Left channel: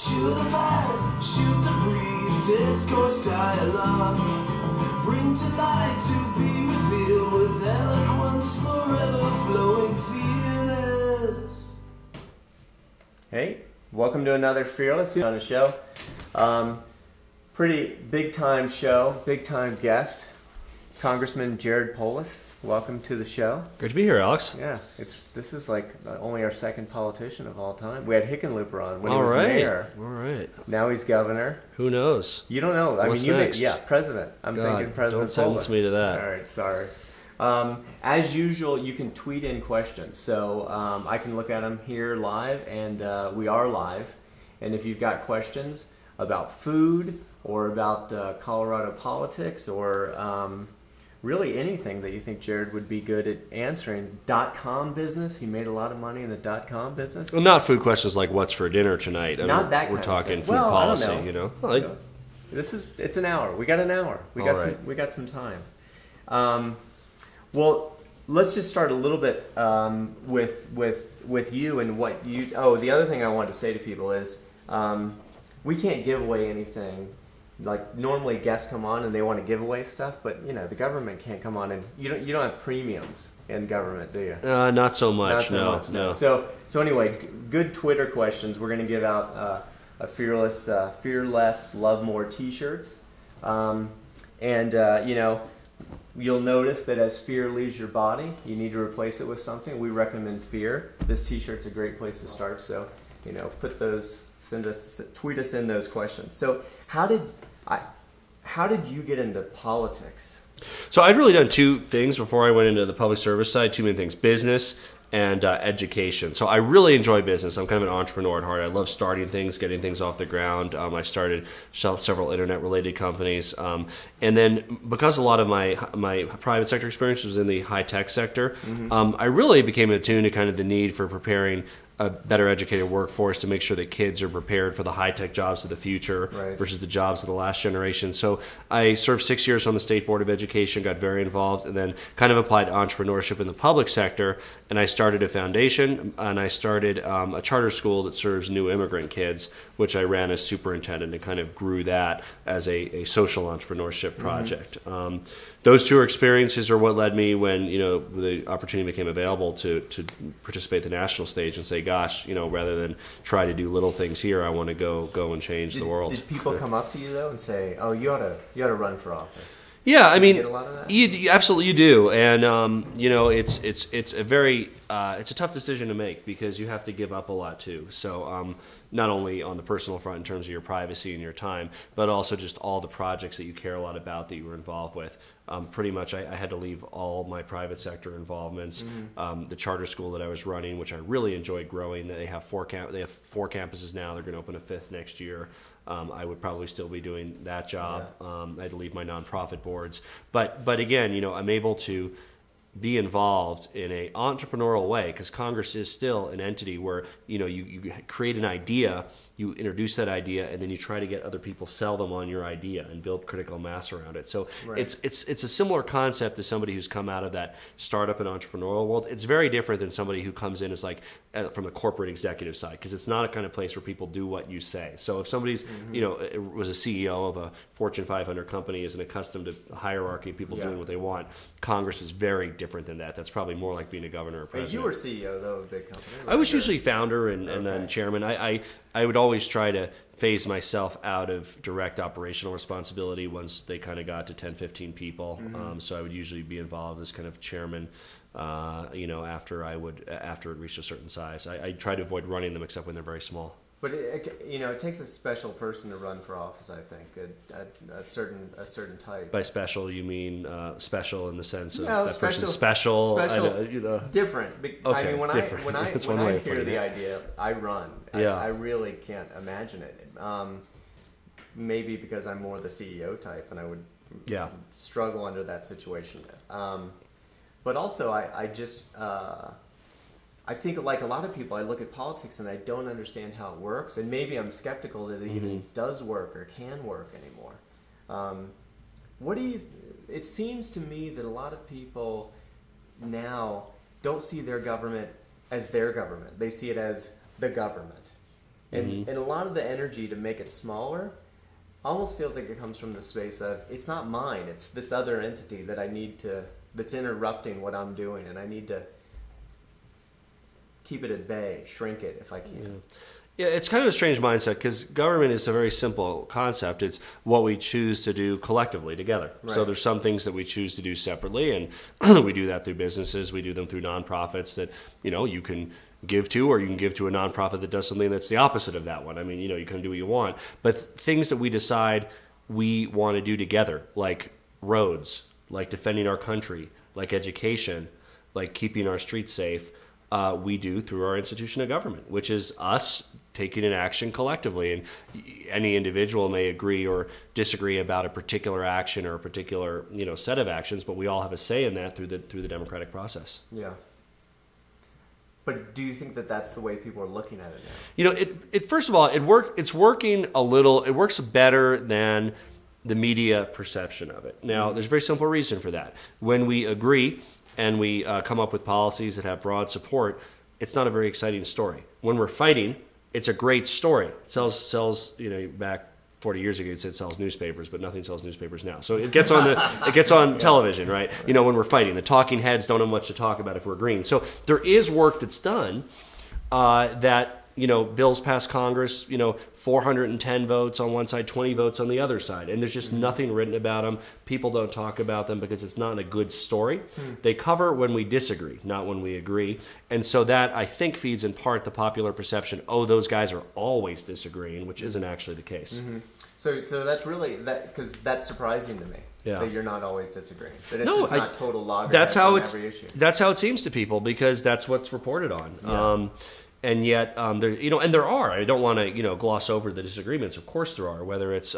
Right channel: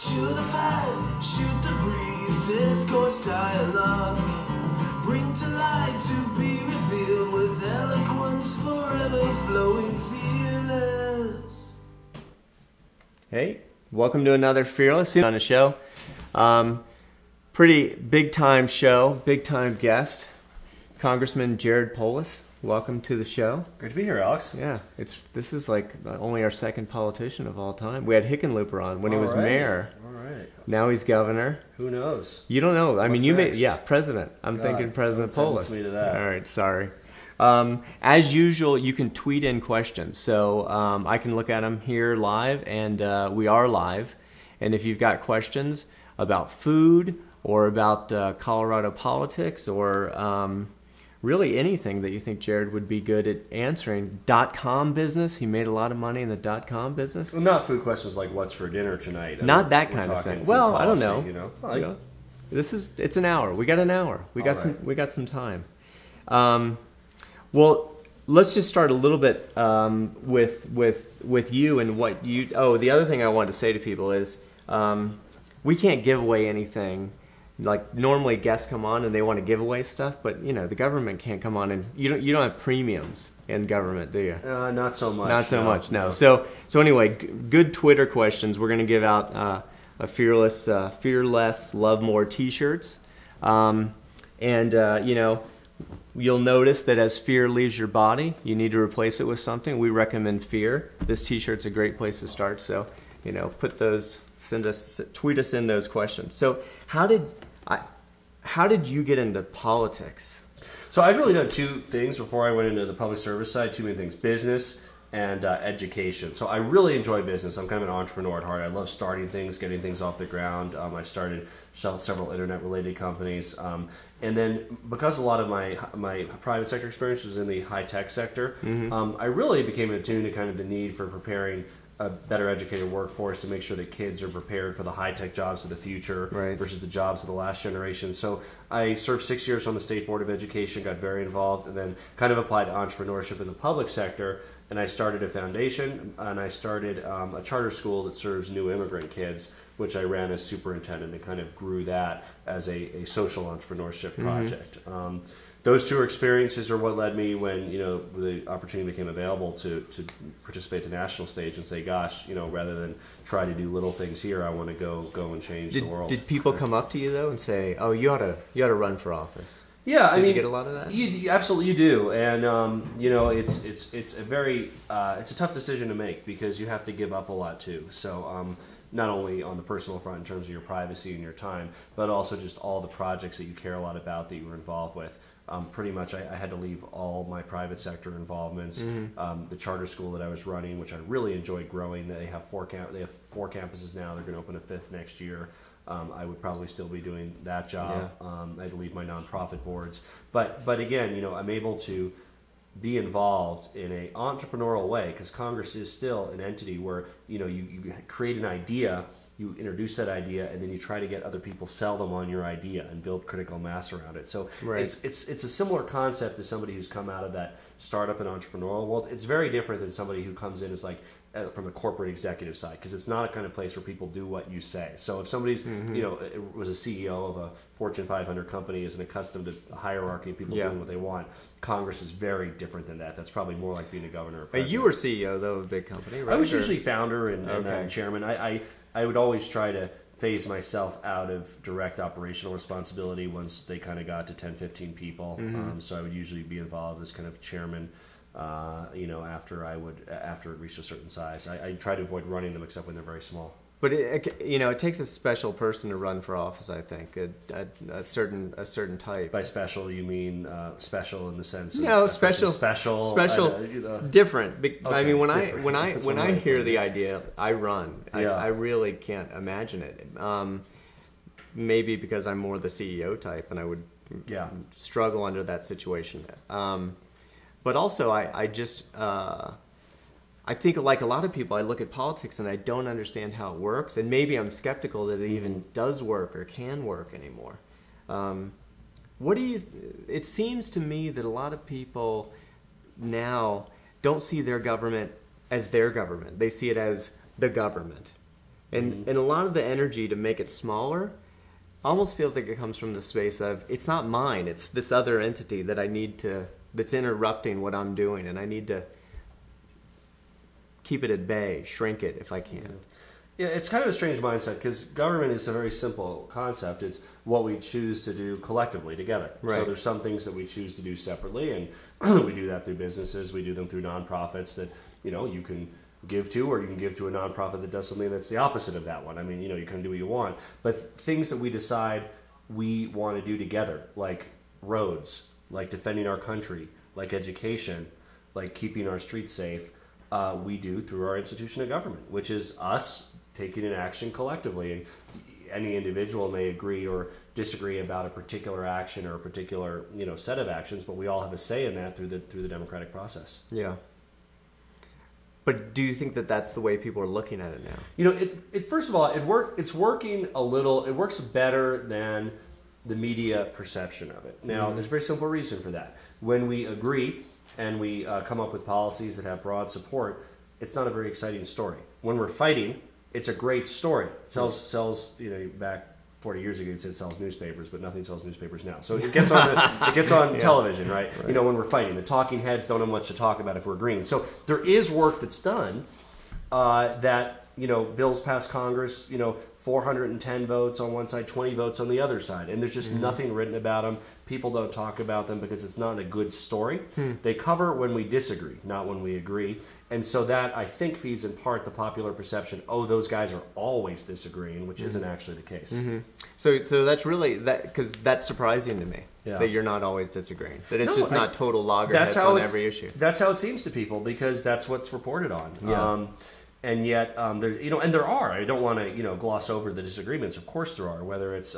To the fight, shoot the breeze, discourse dialogue. Bring to light to be revealed with eloquence forever flowing fearless. Hey, welcome to another Fearless on the show. Pretty big time show, big time guest, Congressman Polis. Welcome to the show. Great to be here, Alex. Yeah, this is like only our second politician of all time. We had Hickenlooper on when he was mayor. All right. Now he's governor. Who knows? You don't know. I What's mean, next? President. I'm thinking President don't Polis. sentence me to that. All right, sorry. As usual, you can tweet in questions. So I can look at them here live, and we are live. And if you've got questions about food or about Colorado politics or really anything that you think Jared would be good at answering. .com business. He made a lot of money in the .com business. Well, not food questions like what's for dinner tonight. Not that kind We're of talking thing. food Well, policy, I don't know. you know. You know, it's an hour. We got an hour. We got some time. Well, let's just start a little bit with you and what you. Oh, the other thing I wanted to say to people is we can't give away anything. Like normally guests come on and they want to give away stuff, but you know the government can't come on and you don't have premiums in government, do you? Not so much. Not so much. No. So anyway, good Twitter questions. We're going to give out a fearless love more T-shirts, and you know you'll notice that as fear leaves your body, you need to replace it with something. We recommend fear. This T-shirt's a great place to start. So you know, tweet us in those questions. So how did you get into politics? So I'd really done two things before I went into the public service side. Two main things: business and education. So I really enjoy business. I'm kind of an entrepreneur at heart. I love starting things, getting things off the ground. I started several internet-related companies, and then because a lot of my private sector experience was in the high-tech sector, I really became attuned to kind of the need for preparing a better educated workforce to make sure that kids are prepared for the high-tech jobs of the future versus the jobs of the last generation. So I served 6 years on the State Board of Education, got very involved, and then kind of applied entrepreneurship in the public sector. And I started a foundation, and I started a charter school that serves new immigrant kids, which I ran as superintendent and kind of grew that as a social entrepreneurship project. Those two experiences are what led me when the opportunity became available to participate at the national stage and say, gosh, rather than try to do little things here, I want to go and change the world. Did people come up to you though and say, "Oh, you ought to run for office"? Yeah, I mean, you get a lot of that? You absolutely do, and it's a tough decision to make because you have to give up a lot too. So. Not only on the personal front in terms of your privacy and your time, but also just all the projects that you care a lot about that you were involved with. Pretty much I had to leave all my private sector involvements. The charter school that I was running, which I really enjoyed growing, they have four campuses now. They're going to open a fifth next year. I would probably still be doing that job. Yeah. I had to leave my nonprofit boards. But again, I'm able to be involved in an entrepreneurial way because Congress is still an entity where you create an idea, you introduce that idea, and then you try to get other people sell them on your idea and build critical mass around it. So it's a similar concept to somebody who's come out of that startup and entrepreneurial world. It's very different than somebody who comes in as like from the corporate executive side because it's not a kind of place where people do what you say. So if somebody's was a CEO of a Fortune 500 company, isn't accustomed to the hierarchy, people doing what they want. Congress is very different than that. That's probably more like being a governor or president. You were CEO though of a big company, right? I was usually founder and then chairman. I would always try to phase myself out of direct operational responsibility once they kind of got to 10, 15 people. So I would usually be involved as kind of chairman, after it reached a certain size. I try to avoid running them except when they're very small. But it takes a special person to run for office. I think a certain type. By special, you mean special in the sense of special. Different. Okay, I mean, when I hear the idea, I run. Yeah. I really can't imagine it. Maybe because I'm more the CEO type, and I would struggle under that situation. But also, I just. I think like a lot of people, I look at politics and I don't understand how it works, and maybe I'm skeptical that it even does work or can work anymore. It seems to me that a lot of people now don't see their government as their government. They see it as the government. And a lot of the energy to make it smaller almost feels like it comes from the space of, it's not mine, it's this other entity that I need to, that's interrupting what I'm doing, and I need to keep it at bay, shrink it if I can. Yeah, it's kind of a strange mindset because government is a very simple concept. It's what we choose to do collectively together. Right. So there's some things that we choose to do separately, and we do that through businesses. We do them through nonprofits that, you know, you can give to, or you can give to a nonprofit that does something that's the opposite of that one. I mean, you know, you can do what you want. But things that we decide we want to do together, like roads, like defending our country, like education, like keeping our streets safe, we do through our institution of government, which is us taking an action collectively. And any individual may agree or disagree about a particular action or a particular, you know, set of actions, but we all have a say in that through the democratic process. Yeah. But do you think that that's the way people are looking at it now? You know, it first of all, it's working a little. It works better than the media perception of it. Now, there's a very simple reason for that. When we agree and we come up with policies that have broad support, it's not a very exciting story. When we're fighting, it's a great story. It sells. You know, back 40 years ago, it said sells newspapers, but nothing sells newspapers now. So it gets on television, right? You know, when we're fighting, the talking heads don't have much to talk about if we're agreeing. So there is work that's done that, you know, bills pass Congress, you know, 410 votes on one side, 20 votes on the other side. And there's just nothing written about them. People don't talk about them because it's not a good story. They cover when we disagree, not when we agree. And so that, I think, feeds in part the popular perception, oh, those guys are always disagreeing, which isn't actually the case. So that's really, because that's surprising to me, that you're not always disagreeing. That it's just not total loggerheads on every issue. That's how it seems to people because that's what's reported on. And yet, there, you know, and there are. I don't want to, you know, gloss over the disagreements. Of course, there are. Whether it's,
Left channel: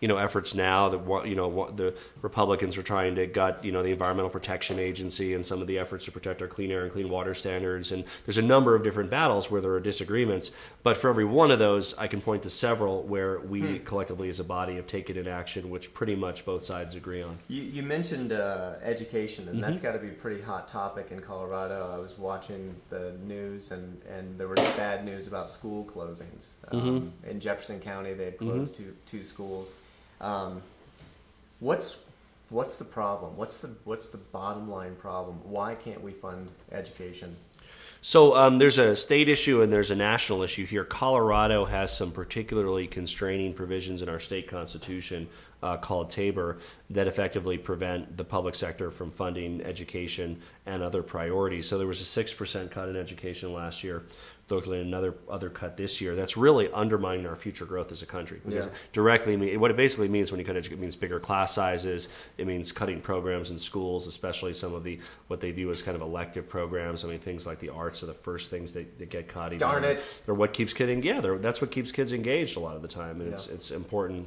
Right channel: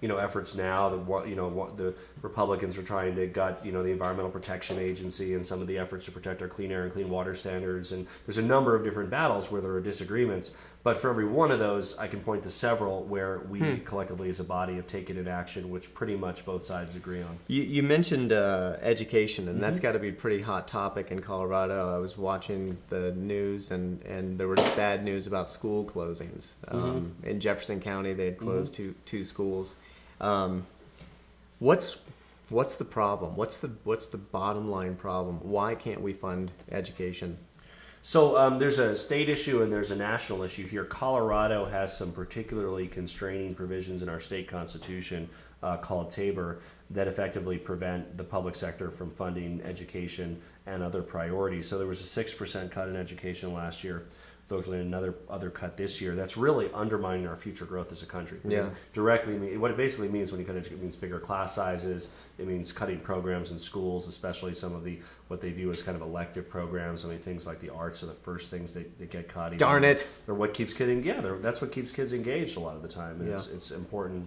you know, efforts now that, you know, the Republicans are trying to gut, you know, the Environmental Protection Agency and some of the efforts to protect our clean air and clean water standards. And there's a number of different battles where there are disagreements. But for every one of those, I can point to several where we collectively, as a body, have taken an action which pretty much both sides agree on. You mentioned education, and that's got to be a pretty hot topic in Colorado. I was watching the news, and there was bad news about school closings. In Jefferson County, they had closed two schools. What's the problem? What's the bottom line problem? Why can't we fund education? So there's a state issue and there's a national issue here. Colorado has some particularly constraining provisions in our state constitution called Tabor that effectively prevent the public sector from funding education and other priorities. So there was a 6% cut in education last year. Looking at another cut this year. That's really undermining our future growth as a country. Directly, what it basically means when you cut education, it means bigger class sizes. It means cutting programs in schools, especially some of what they view as kind of elective programs. I mean, things like the arts are the first things that get cut. Darn it! Or what keeps kids that's what keeps kids engaged a lot of the time, and it's important.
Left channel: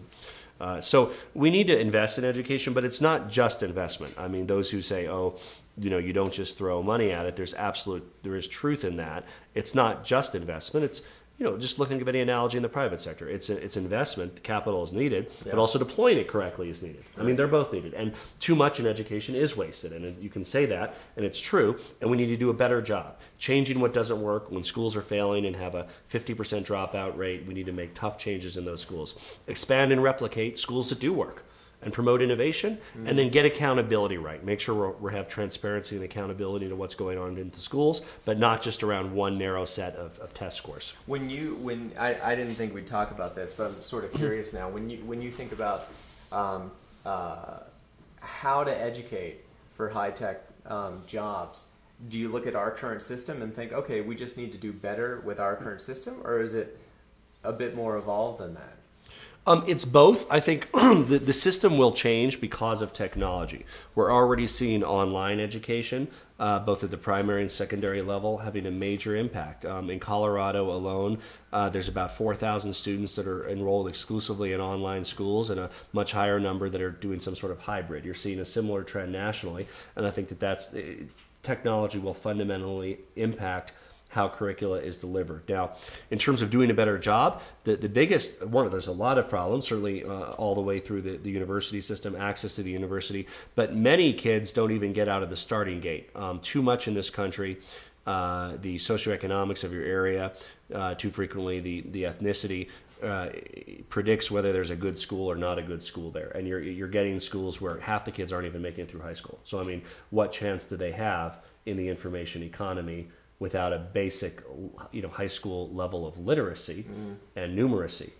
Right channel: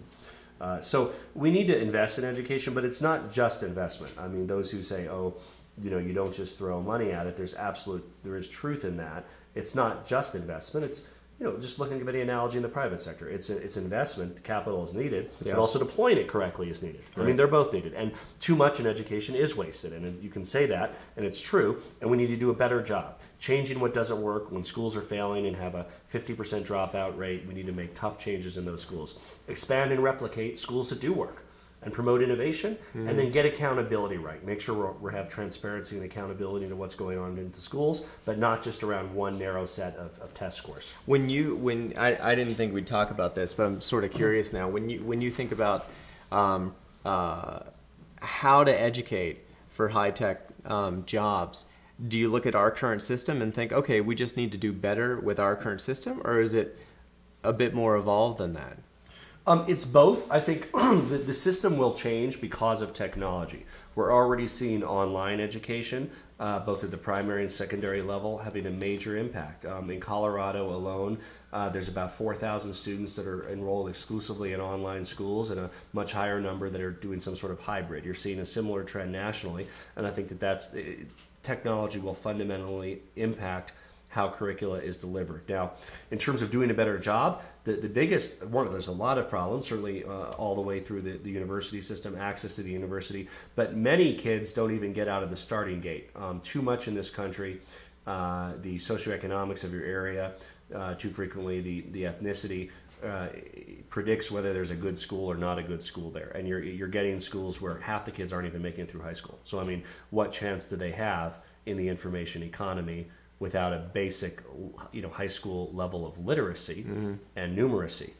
So we need to invest in education, but it's not just investment. I mean, those who say, oh, you know, you don't just throw money at it. There is truth in that. It's not just investment. It's, you know, just looking at any analogy in the private sector. It's investment. Capital is needed, but also deploying it correctly is needed. I mean, they're both needed. And too much in education is wasted. And you can say that, and it's true. And we need to do a better job. Changing what doesn't work when schools are failing and have a 50% dropout rate. We need to make tough changes in those schools. Expand and replicate schools that do work. And promote innovation, and then get accountability right. Make sure we have transparency and accountability to what's going on in the schools, but not just around one narrow set of test scores. When I didn't think we'd talk about this, but I'm sort of curious now. When you think about how to educate for high tech jobs, do you look at our current system and think, okay, we just need to do better with our current system, or is it a bit more evolved than that? It's both. I think the system will change because of technology. We're already seeing online education, both at the primary and secondary level, having a major impact. In Colorado alone, there's about 4,000 students that are enrolled exclusively in online schools and a much higher number that are doing some sort of hybrid. You're seeing a similar trend nationally, and I think technology will fundamentally impact how curricula is delivered. Now, in terms of doing a better job, the biggest one, there's a lot of problems, certainly all the way through the university system, access to the university, but many kids don't even get out of the starting gate. Too much in this country, the socioeconomics of your area, too frequently the ethnicity predicts whether there's a good school or not a good school there, and you're getting schools where half the kids aren't even making it through high school. So I mean, what chance do they have in the information economy without a basic, high school level of literacy and numeracy?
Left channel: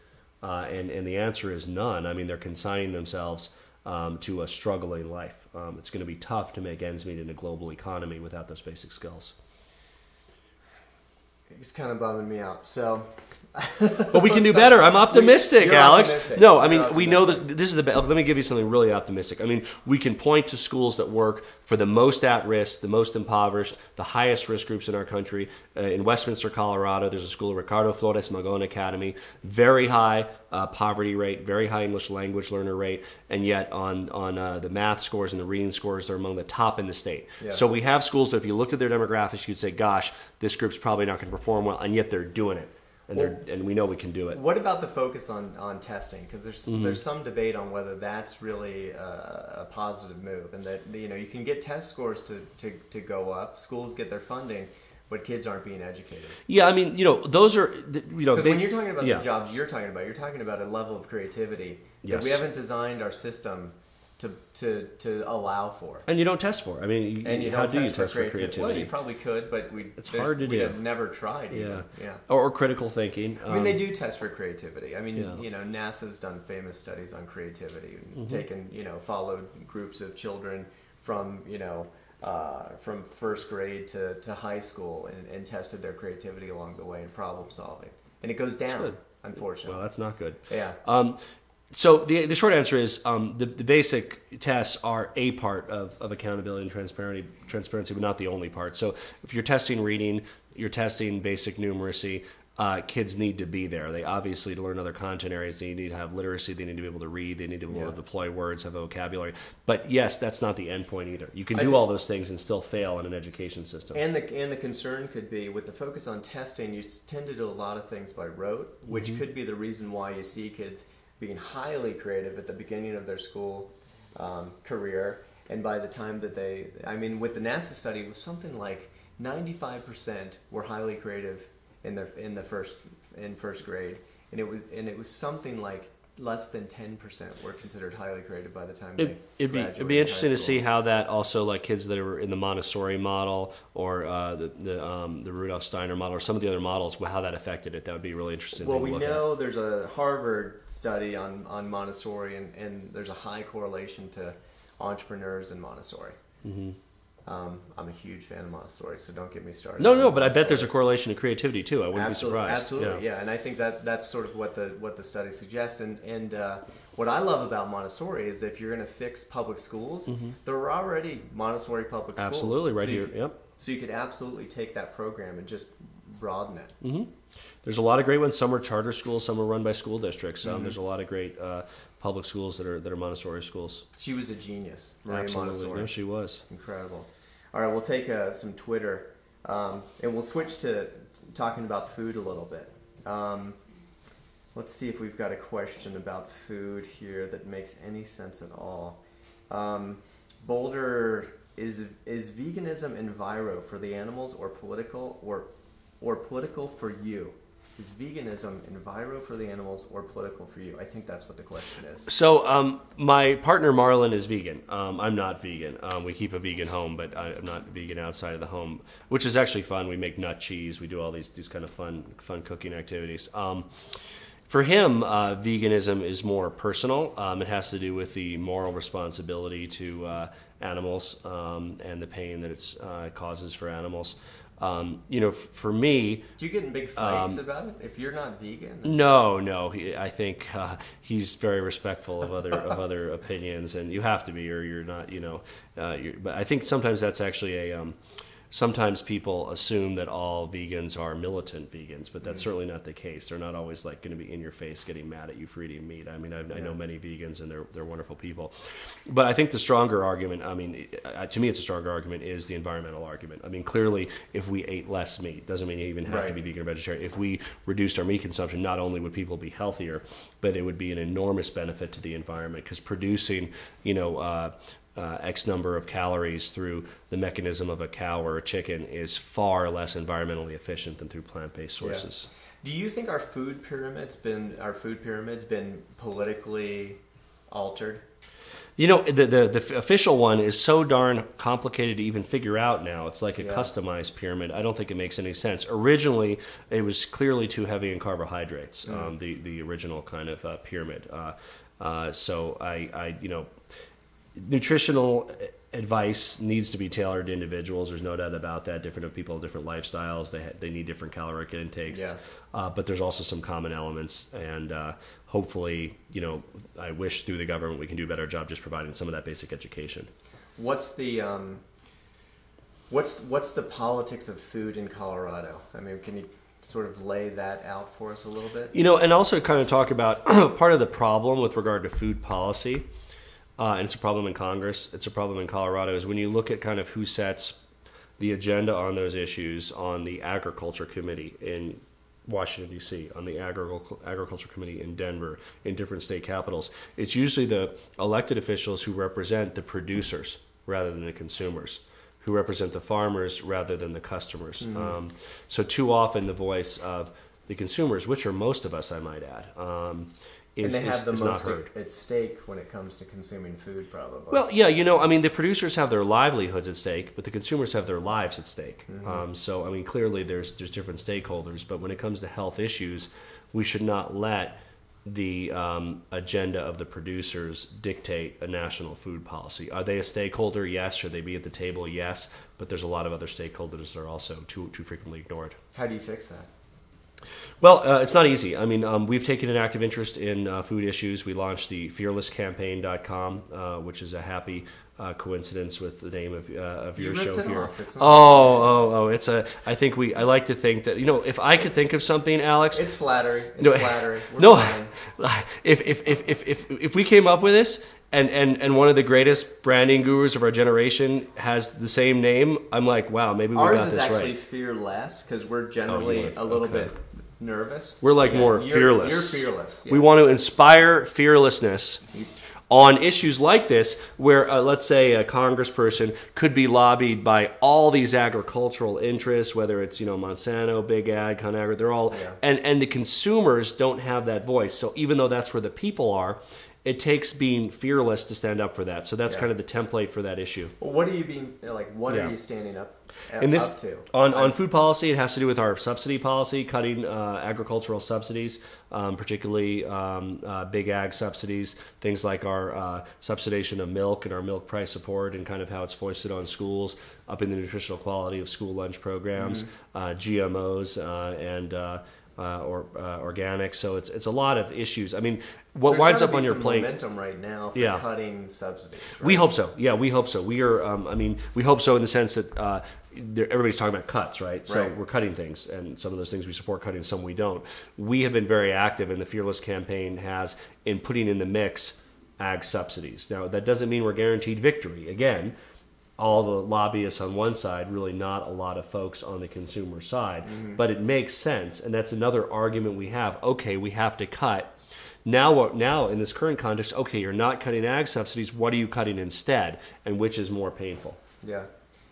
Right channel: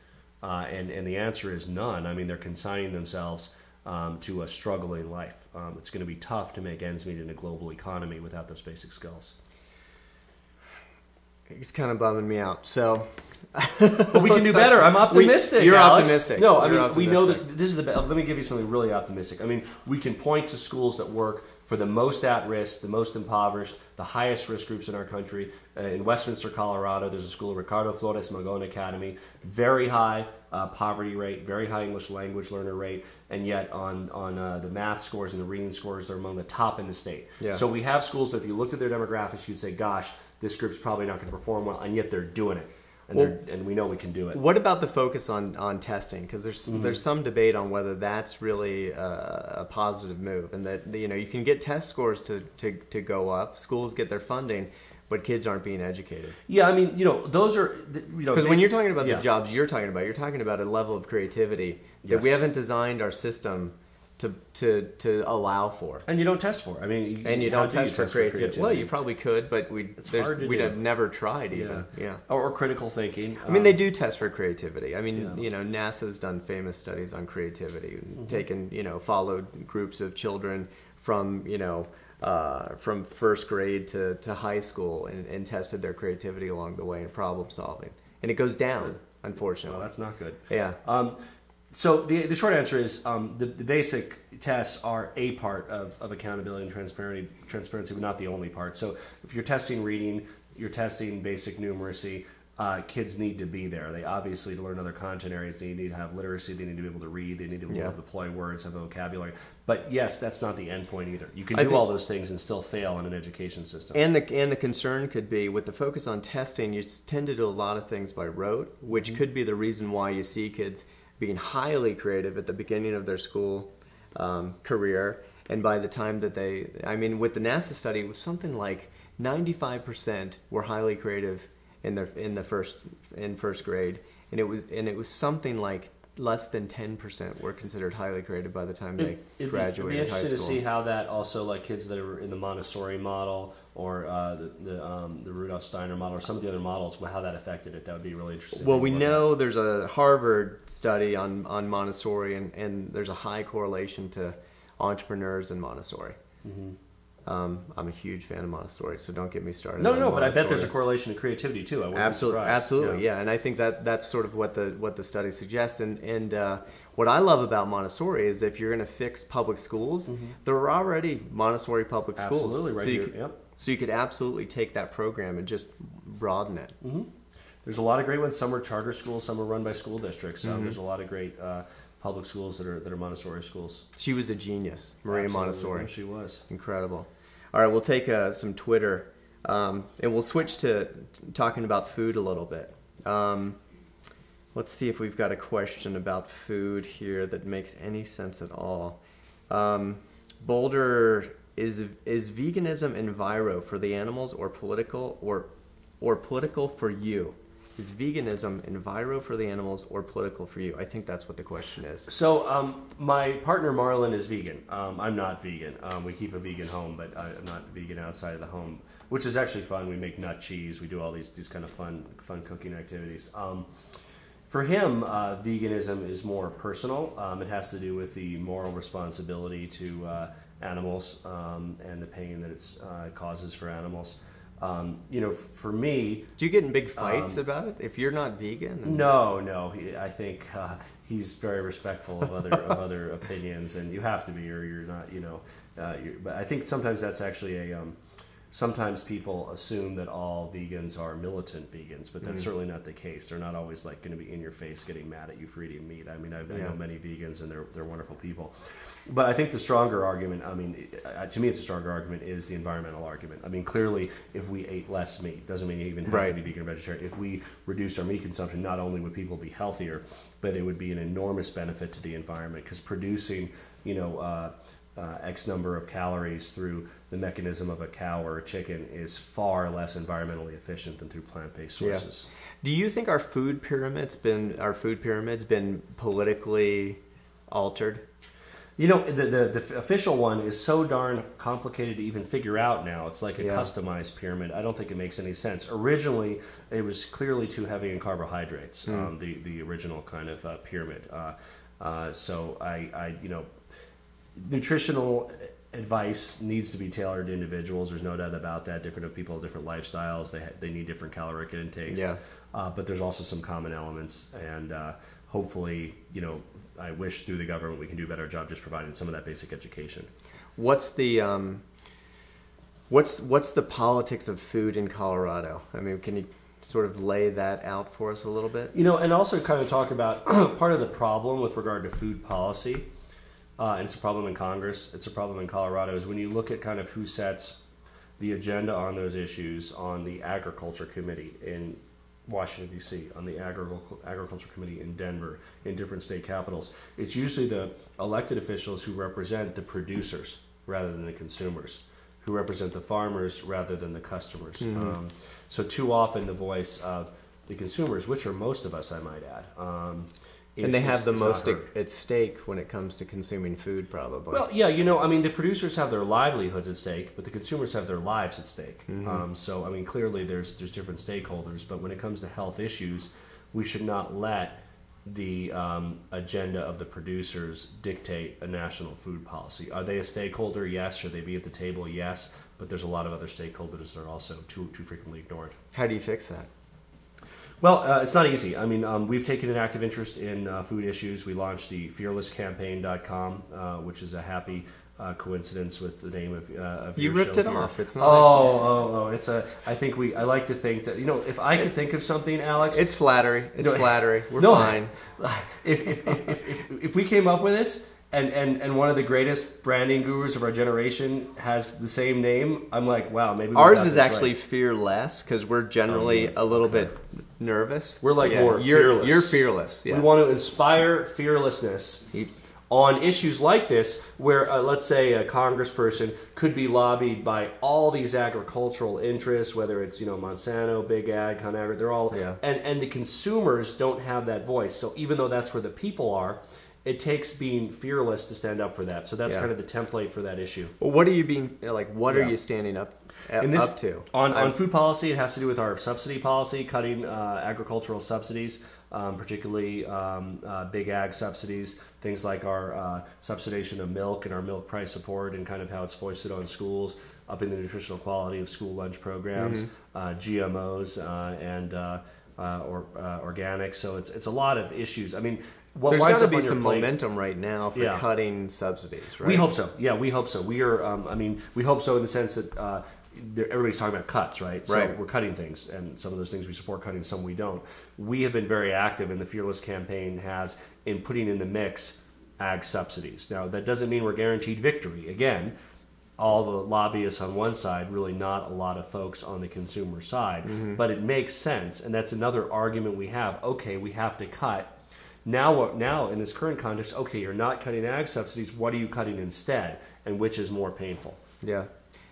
And the answer is none. I mean, they're consigning themselves to a struggling life. It's going to be tough to make ends meet in a global economy without those basic skills. It's kind of bumming me out. So, but we can do better. I'm optimistic, you're Alex. Optimistic. No, I mean, You're we know optimistic. that this is the. Let me give you something really optimistic. I mean, we can point to schools that work for the most at risk, the most impoverished, the highest risk groups in our country. In Westminster, Colorado, there's a school, Ricardo Flores Magón Academy, very high poverty rate, very high English language learner rate, and yet on the math scores and the reading scores, they're among the top in the state. Yeah. So we have schools that if you looked at their demographics, you'd say, gosh, this group's probably not going to perform well, and yet they're doing it. And we know we can do it. What about the focus on testing? Because there's some debate on whether that's really a positive move, and that you can get test scores to go up. Schools get their funding, but kids aren't being educated. Yeah, I mean, those are because when you're talking about the jobs you're talking about a level of creativity that we haven't designed our system to allow for. And you don't test for. I mean, and you don't test for creativity. Well, you probably could, but we'd have never tried even. Yeah. Or critical thinking. I mean, they do test for creativity. I mean, NASA's done famous studies on creativity, taken followed groups of children from from first grade to high school and tested their creativity along the way in problem solving, and it goes down, unfortunately. Well, that's not good. Yeah. So the short answer is the basic tests are a part of accountability and transparency, but not the only part. So if you're testing reading, you're testing basic numeracy, kids need to be there. They obviously, to learn other content areas, they need to have literacy, they need to be able to read, they need to be able to deploy words, have vocabulary. But yes, that's not the end point either. You can do all those things and still fail in an education system. And the concern could be, with the focus on testing, you tend to do a lot of things by rote, which could be the reason why you see kids being highly creative at the beginning of their school career, and by the time that with the NASA study, it was something like 95% were highly creative in first grade, and it was something like less than 10% were considered highly creative by the time they graduated. It'd be interesting to see how that also, like kids that are in the Montessori model or the Rudolf Steiner model or some of the other models, how that affected it. That would be really interesting. Well, we know there's a Harvard study on Montessori, and there's a high correlation to entrepreneurs in Montessori. Mm-hmm. I'm a huge fan of Montessori, so don't get me started. No, but I bet there's a correlation to creativity too. I wouldn't be surprised. Absolutely, yeah. And I think that's sort of what the study suggests. And what I love about Montessori is if you're going to fix public schools, there are already Montessori public schools. Absolutely, right here. Yep. So you could absolutely take that program and just broaden it. Mm-hmm. There's a lot of great ones. Some are charter schools, some are run by school districts. There's a lot of great public schools that are Montessori schools. She was a genius, Maria Montessori. No, she was. Incredible. All right, we'll take some Twitter, and we'll switch to talking about food a little bit. Let's see if we've got a question about food here that makes any sense at all. Boulder, is veganism enviro for the animals or political or political for you? Is veganism enviro for the animals or political for you? I think that's what the question is. So my partner Marlon is vegan. I'm not vegan. We keep a vegan home, but I'm not vegan outside of the home, which is actually fun. We make nut cheese. We do all these kind of fun cooking activities. For him, veganism is more personal. It has to do with the moral responsibility to animals and the pain that it causes for animals. For me, do you get in big fights about it if you're not vegan? No. I think he's very respectful of other opinions, and you have to be, or you're not. But I think sometimes that's actually a. Sometimes people assume that all vegans are militant vegans, but that's certainly not the case. They're not always like going to be in your face, getting mad at you for eating meat. I mean, I know many vegans, and they're wonderful people. But I think the stronger argument, to me, it's a stronger argument, is the environmental argument. I mean, clearly, if we ate less meat, doesn't mean you even have to be vegan or vegetarian. If we reduced our meat consumption, not only would people be healthier, but it would be an enormous benefit to the environment, because producing, X number of calories through the mechanism of a cow or a chicken is far less environmentally efficient than through plant-based sources. Yeah. Do you think our food pyramid's been politically altered? You know, the official one is so darn complicated to even figure out now. It's like a customized pyramid. I don't think it makes any sense. Originally, it was clearly too heavy in carbohydrates, the original kind of pyramid. So nutritional advice needs to be tailored to individuals. There's no doubt about that. Different people have different lifestyles. They need different caloric intakes. Yeah. But there's also some common elements, and hopefully, I wish through the government we can do a better job just providing some of that basic education. What's the what's the politics of food in Colorado? I mean, can you sort of lay that out for us a little bit? And also kind of talk about part of the problem with regard to food policy, and it's a problem in Congress, it's a problem in Colorado, is when you look at kind of who sets the agenda on those issues on the Agriculture Committee in Washington, D.C., on the Agriculture Committee in Denver, in different state capitals. It's usually the elected officials who represent the producers rather than the consumers, who represent the farmers rather than the customers. Mm-hmm. So too often the voice of the consumers, which are most of us, I might add, and they have the most at stake when it comes to consuming food, probably. Well, yeah, the producers have their livelihoods at stake, but the consumers have their lives at stake. Mm-hmm. So, clearly there's different stakeholders, but when it comes to health issues, we should not let the agenda of the producers dictate a national food policy. Are they a stakeholder? Yes. Should they be at the table? Yes. But there's a lot of other stakeholders that are also too frequently ignored. How do you fix that? Well, it's not easy. We've taken an active interest in food issues. We launched the fearlesscampaign.com, which is a happy coincidence with the name of your show. You ripped it here. off. It's not. Oh! I like to think that if I could think of something, Alex. It's flattery. Flattery. We're fine. If we came up with this. And one of the greatest branding gurus of our generation has the same name, I'm like, wow, maybe ours is actually right. Fearless, because we're generally a little bit nervous. We're more fearless. You're fearless. Yeah. We want to inspire fearlessness on issues like this, where let's say a congressperson could be lobbied by all these agricultural interests, whether it's Monsanto, Big Ag, ConAgra, they're all, and the consumers don't have that voice. So even though that's where the people are, it takes being fearless to stand up for that. So that's kind of the template for that issue. Well, what are you being like? What are you standing up to? On food policy, it has to do with our subsidy policy, cutting agricultural subsidies, particularly big ag subsidies, things like our subsidization of milk and our milk price support, and kind of how it's foisted on schools, upping the nutritional quality of school lunch programs, GMOs, and organic. So it's a lot of issues. What winds up on your plate? There's momentum right now for cutting subsidies. Right? We hope so. Yeah, we hope so. We are. We hope so in the sense that everybody's talking about cuts, right? So we're cutting things, and some of those things we support cutting, some we don't. We have been very active, and the Fearless campaign has in putting in the mix ag subsidies. Now, that doesn't mean we're guaranteed victory. Again, all the lobbyists on one side, really not a lot of folks on the consumer side, but it makes sense, and that's another argument we have. Okay, we have to cut. Now, in this current context, okay, you're not cutting ag subsidies. What are you cutting instead, and which is more painful? Yeah,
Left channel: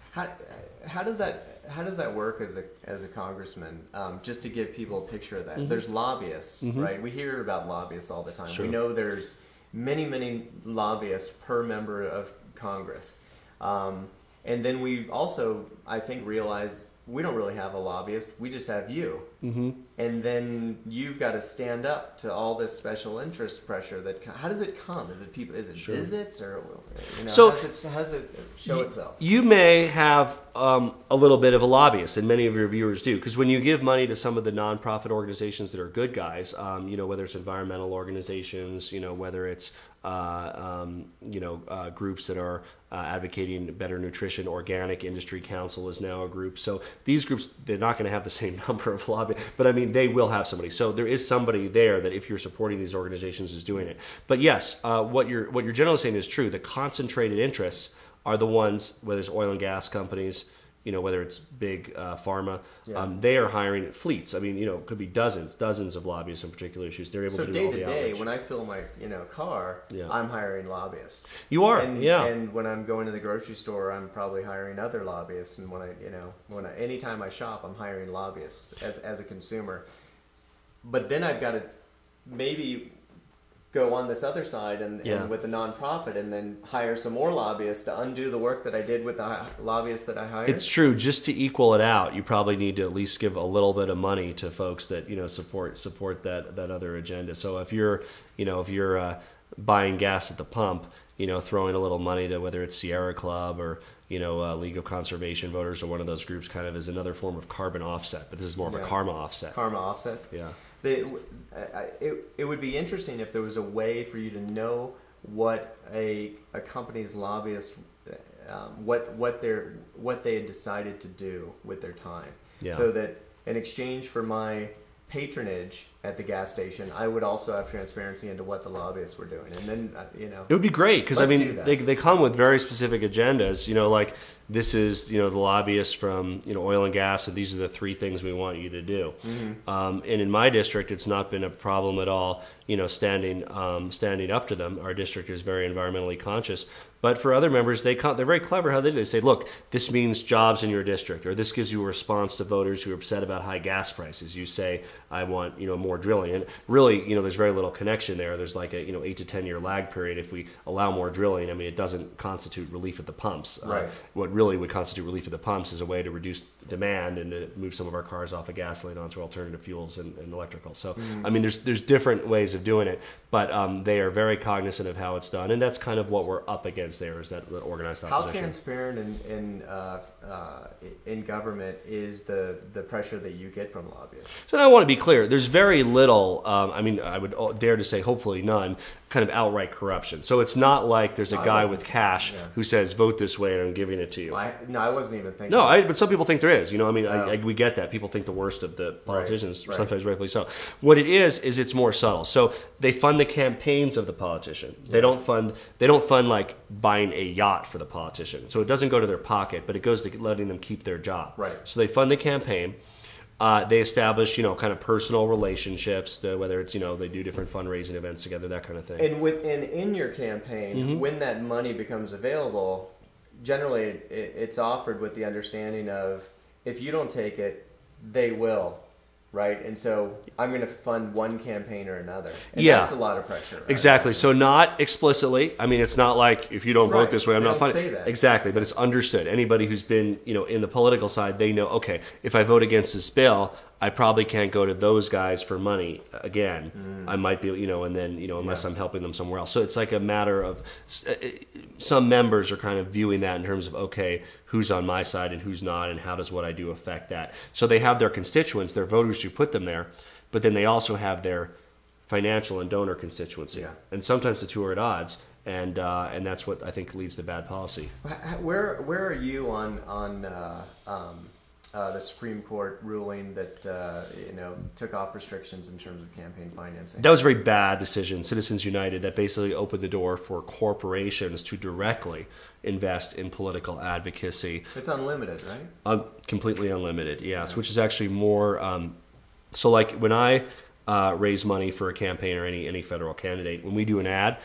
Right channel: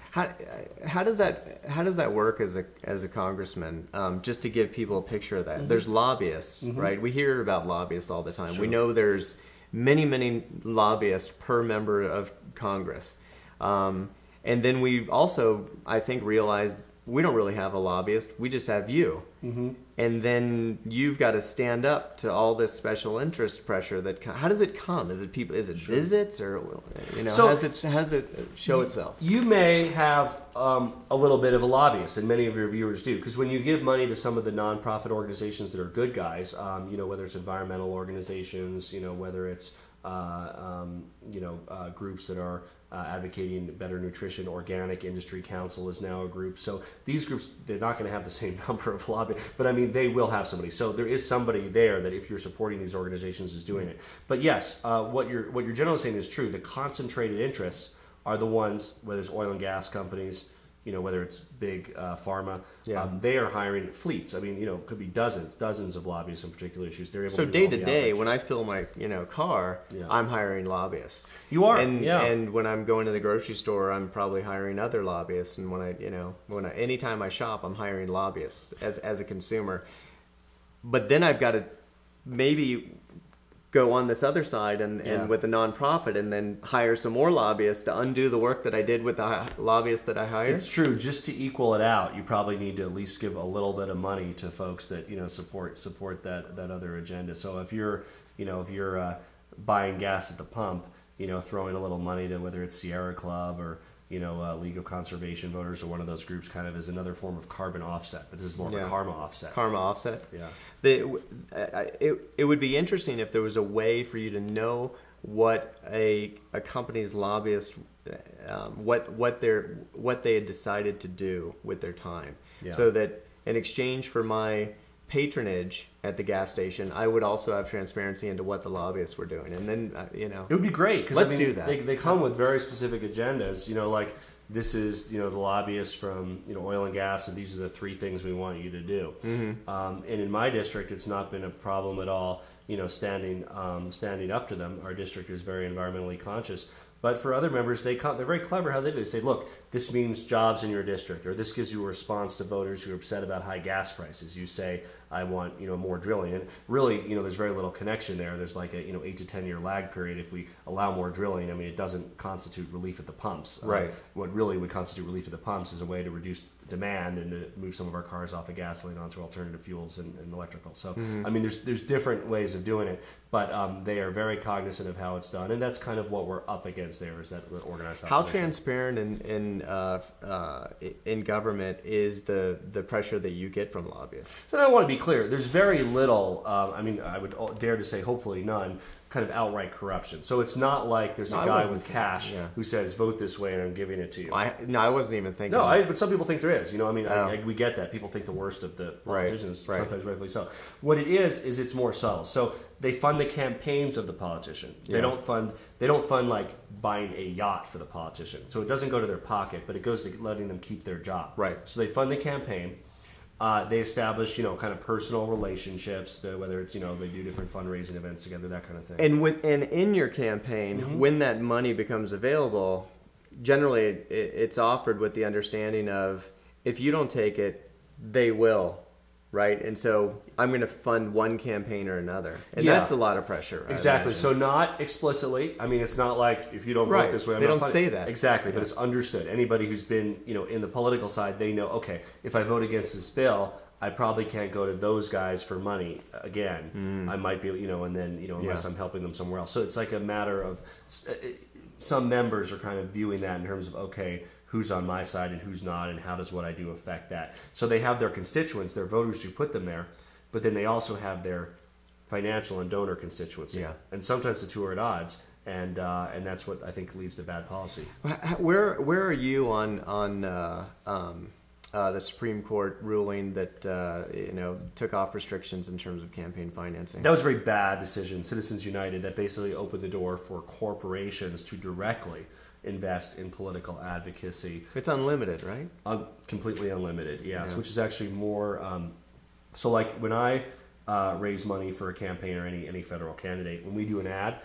how does that work as a congressman? Just to give people a picture of that, there's lobbyists, right? We hear about lobbyists all the time. Sure. We know there's many lobbyists per member of Congress, and then we also, I think, realized we don't really have a lobbyist. We just have you. And then you've got to stand up to all this special interest pressure. How does it come? Is it people? Is it visits, or so how does it show itself? You may have a little bit of a lobbyist, and many of your viewers do, because when you give money to some of the nonprofit organizations that are good guys, whether it's environmental organizations, whether it's groups that are advocating better nutrition. Organic Industry Council is now a group. So these groups, they're not going to have the same number of lobbyists, but they will have somebody. So there is somebody there that, if you're supporting these organizations, is doing it. But yes, what you're generally saying is true. The concentrated interests are the ones, whether it's oil and gas companies, whether it's big pharma, Yeah. they are hiring fleets. I mean, it could be dozens of lobbyists on particular issues. They're able So to do day all to the day, outreach. when I fill my car, Yeah. I'm hiring lobbyists. You are, and, yeah. And when I'm going to the grocery store, I'm probably hiring other lobbyists. And anytime I shop, I'm hiring lobbyists as a consumer. But then I've got to maybe go on this other side and with the nonprofit, and then hire some more lobbyists to undo the work that I did with the lobbyists that I hired. It's true. Just to equal it out, you probably need to at least give a little bit of money to folks that support that other agenda. So if you're buying gas at the pump, throwing a little money to whether it's Sierra Club or League of Conservation Voters or one of those groups, kind of is another form of carbon offset. But this is more of a karma offset. Karma offset. Yeah. It would be interesting if there was a way for you to know what a company's lobbyist, what they had decided to do with their time, so that in exchange for my patronage at the gas station, I would also have transparency into what the lobbyists were doing, and then it would be great because they come with very specific agendas. Like this is the lobbyists from oil and gas, and these are the 3 things we want you to do. Mm-hmm. And in my district, it's not been a problem at all. Standing up to them. Our district is very environmentally conscious. But for other members, they're very clever how they do. They say, look, this means jobs in your district, or this gives you a response to voters who are upset about high gas prices. You say, I want more drilling, and really, there's very little connection there. There's like a 8 to 10 year lag period. If we allow more drilling, I mean, it doesn't constitute relief at the pumps. Right. What really would constitute relief at the pumps is a way to reduce demand and to move some of our cars off of gasoline onto alternative fuels and electrical. So, I mean, there's different ways of doing it, but they are very cognizant of how it's done, and that's kind of what we're up against. There is that organized opposition. How transparent in government is the pressure that you get from lobbyists? So now I want to be clear. There's very little. I would dare to say, hopefully none, kind of outright corruption. So it's not like there's a guy with cash who says vote this way and I'm giving it to you. I wasn't even thinking. But some people think there is. We get that. People think the worst of the politicians, sometimes rightfully so. What it is it's more subtle. So they fund the campaigns of the politician. They don't fund like buying a yacht for the politician. So it doesn't go to their pocket, but it goes to letting them keep their job. Right. So they fund the campaign. They establish, kind of personal relationships, whether it's, they do different fundraising events together, that kind of thing. And in your campaign, when that money becomes available, generally it's offered with the understanding of, if you don't take it, they will. Right, and so I'm going to fund one campaign or another, and that's a lot of pressure. Right? Exactly. So not explicitly. I mean, it's not like if you don't vote this way, I'm not funding. They don't say that. Exactly, but it's understood. Anybody who's been, in the political side, they know. Okay, if I vote against this bill, I probably can't go to those guys for money again. I might be, and then, unless I'm helping them somewhere else. So it's like a matter of some members are kind of viewing that in terms of, okay, who's on my side and who's not, and how does what I do affect that? So they have their constituents, their voters who put them there, but then they also have their financial and donor constituency. Yeah. And sometimes the two are at odds, and that's what I think leads to bad policy. Where are you on the Supreme Court ruling that took off restrictions in terms of campaign financing? That was a very bad decision. Citizens United, that basically opened the door for corporations to directly invest in political advocacy. It's unlimited, right? Completely unlimited, yes. Which is actually more. So, like when I raise money for a campaign or any federal candidate, when we do an ad,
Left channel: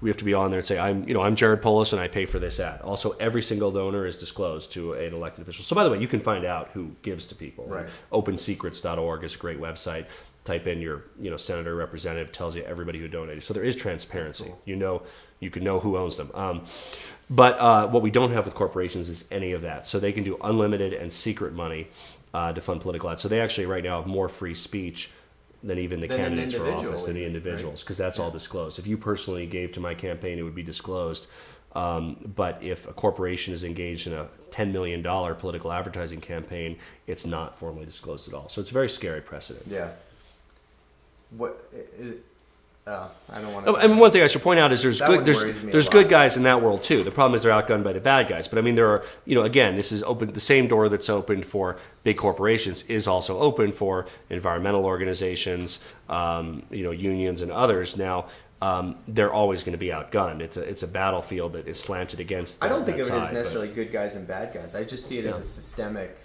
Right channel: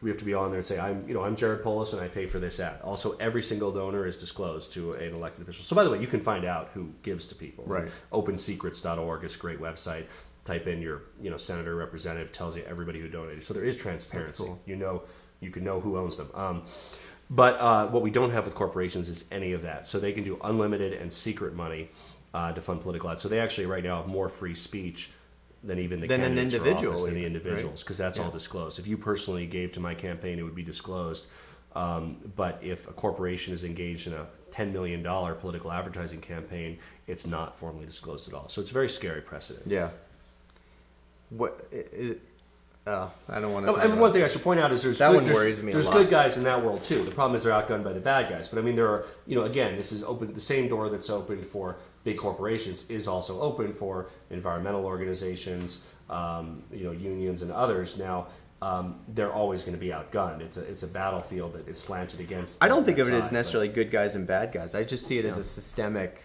we have to be on there and say, I'm Jared Polis and I pay for this ad. Also, every single donor is disclosed to an elected official. So, by the way, you can find out who gives to people. Right. OpenSecrets.org is a great website. Type in your senator, representative, tells you everybody who donated. So there is transparency. Cool. You can know who owns them. But what we don't have with corporations is any of that. So they can do unlimited and secret money to fund political ads. So they actually right now have more free speech than even the candidates for office, than the individuals, because that's all disclosed. If you personally gave to my campaign, it would be disclosed. But if a corporation is engaged in a $10 million political advertising campaign, it's not formally disclosed at all. So it's a very scary precedent. Yeah. I don't want to. I mean, one thing I should point out is there's good guys in that world too. The problem is they're outgunned by the bad guys. But I mean, there are, again, this is open. The same door that's open for big corporations is also open for environmental organizations, unions and others. Now, they're always going to be outgunned. It's a battlefield that is slanted against. I don't think that of it as side, necessarily good guys and bad guys. I just see it as a systemic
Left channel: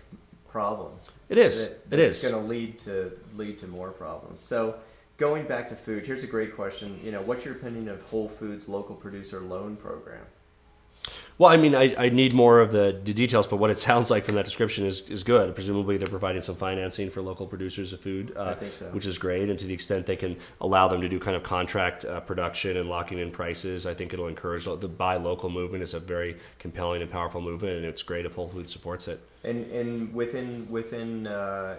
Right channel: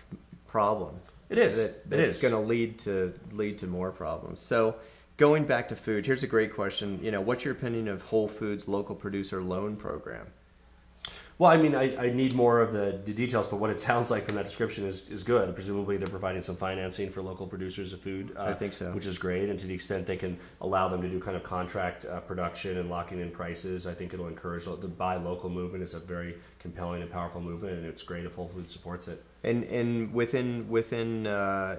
problem. It is. It's going to lead to more problems. So, going back to food, here's a great question. What's your opinion of Whole Foods local producer loan program? Well, I mean, I need more of the details, but what it sounds like from that description is good. Presumably, they're providing some financing for local producers of food, I think so. Which is great. And to the extent they can allow them to do kind of contract production and locking in prices, I think it'll encourage the buy local movement. Is a very compelling and powerful movement, and it's great if Whole Foods supports it. And within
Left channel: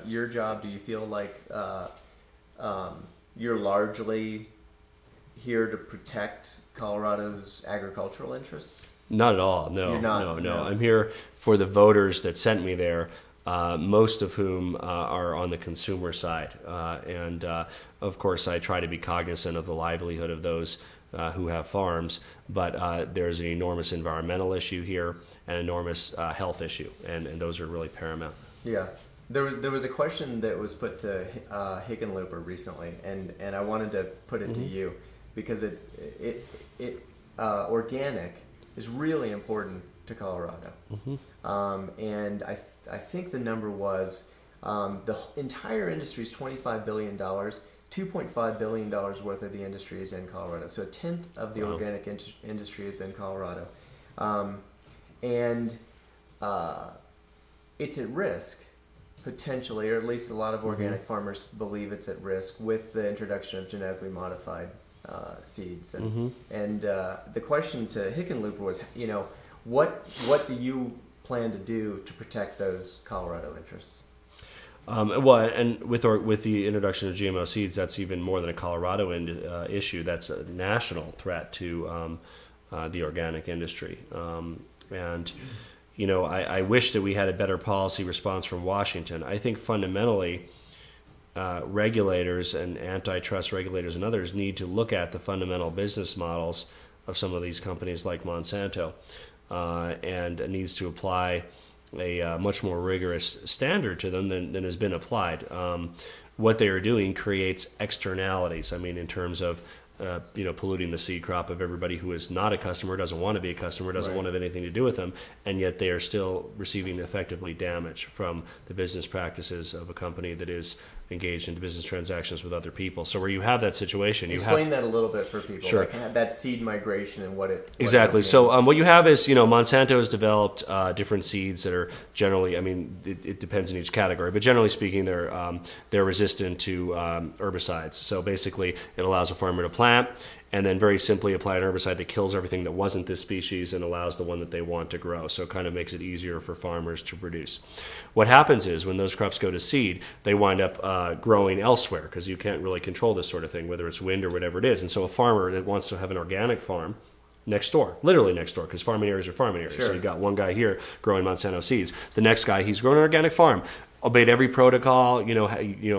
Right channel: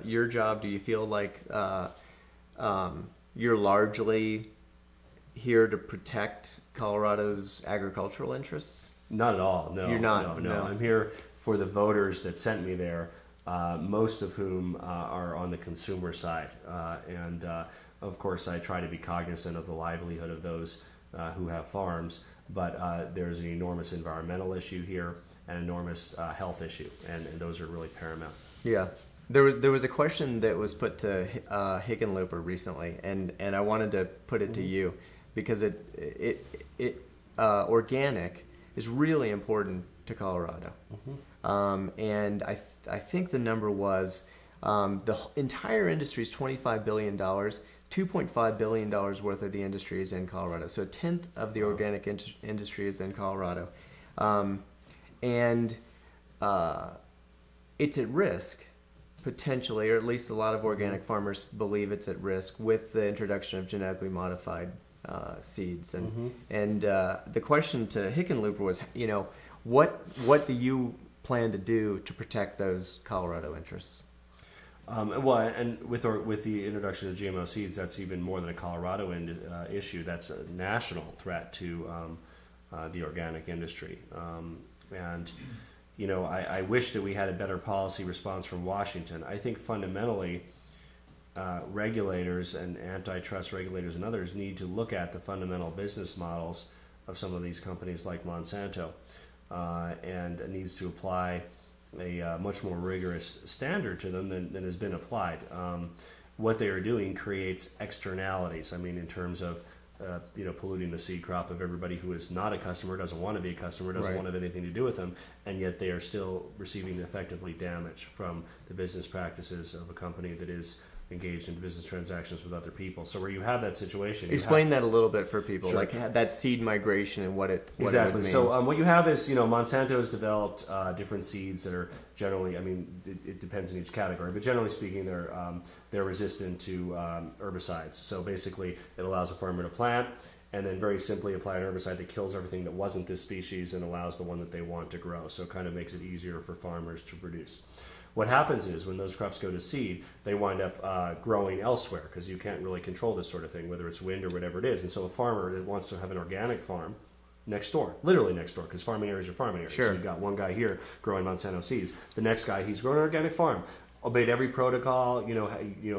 your job, do you feel like you're largely here to protect Colorado's agricultural interests? Not at all. No, You're not, no. no. I'm here for the voters that sent me there, most of whom are on the consumer side. And of course, I try to be cognizant of the livelihood of those who have farms. But there's an enormous environmental issue here, an enormous health issue, and those are really paramount. Yeah. There was a question that was put to Hickenlooper recently, and I wanted to put it to you because it organic is really important to Colorado. And I think the number was the entire industry is $25 billion. $2.5 billion worth of the industry is in Colorado. So a tenth of the organic industry is in Colorado. And it's at risk, potentially, or at least a lot of organic farmers believe it's at risk with the introduction of genetically modified seeds. And the question to Hickenlooper was, what do you plan to do to protect those Colorado interests? Well, and with the introduction of GMO seeds, that's even more than a Colorado issue. That's a national threat to the organic industry. I wish that we had a better policy response from Washington. I think fundamentally, regulators and antitrust regulators and others need to look at the fundamental business models of some of these companies like Monsanto, and it needs to apply a much more rigorous standard to them than has been applied. What they are doing creates externalities. I mean, in terms of polluting the seed crop of everybody who is not a customer, doesn't want to be a customer, doesn't want to have anything to do with them, and yet they are still receiving effectively damage from the business practices of a company that is engaged in business transactions with other people. So where you have that situation, explain that a little bit for people. Sure. Like that seed migration and what it exactly. So what you have is Monsanto has developed different seeds that are generally, it depends on each category, but generally speaking, they're resistant to herbicides. So basically, it allows a farmer to plant and then very simply apply an herbicide that kills everything that wasn't this species and allows the one that they want to grow. So it kind of makes it easier for farmers to produce. What happens is when those crops go to seed, they wind up growing elsewhere because you can't really control this sort of thing, whether it's wind or whatever it is. And so a farmer that wants to have an organic farm next door, literally next door, because farming areas are farming areas. Sure. So you've got one guy here growing Monsanto seeds. The next guy, he's growing an organic farm. Obeyed every protocol,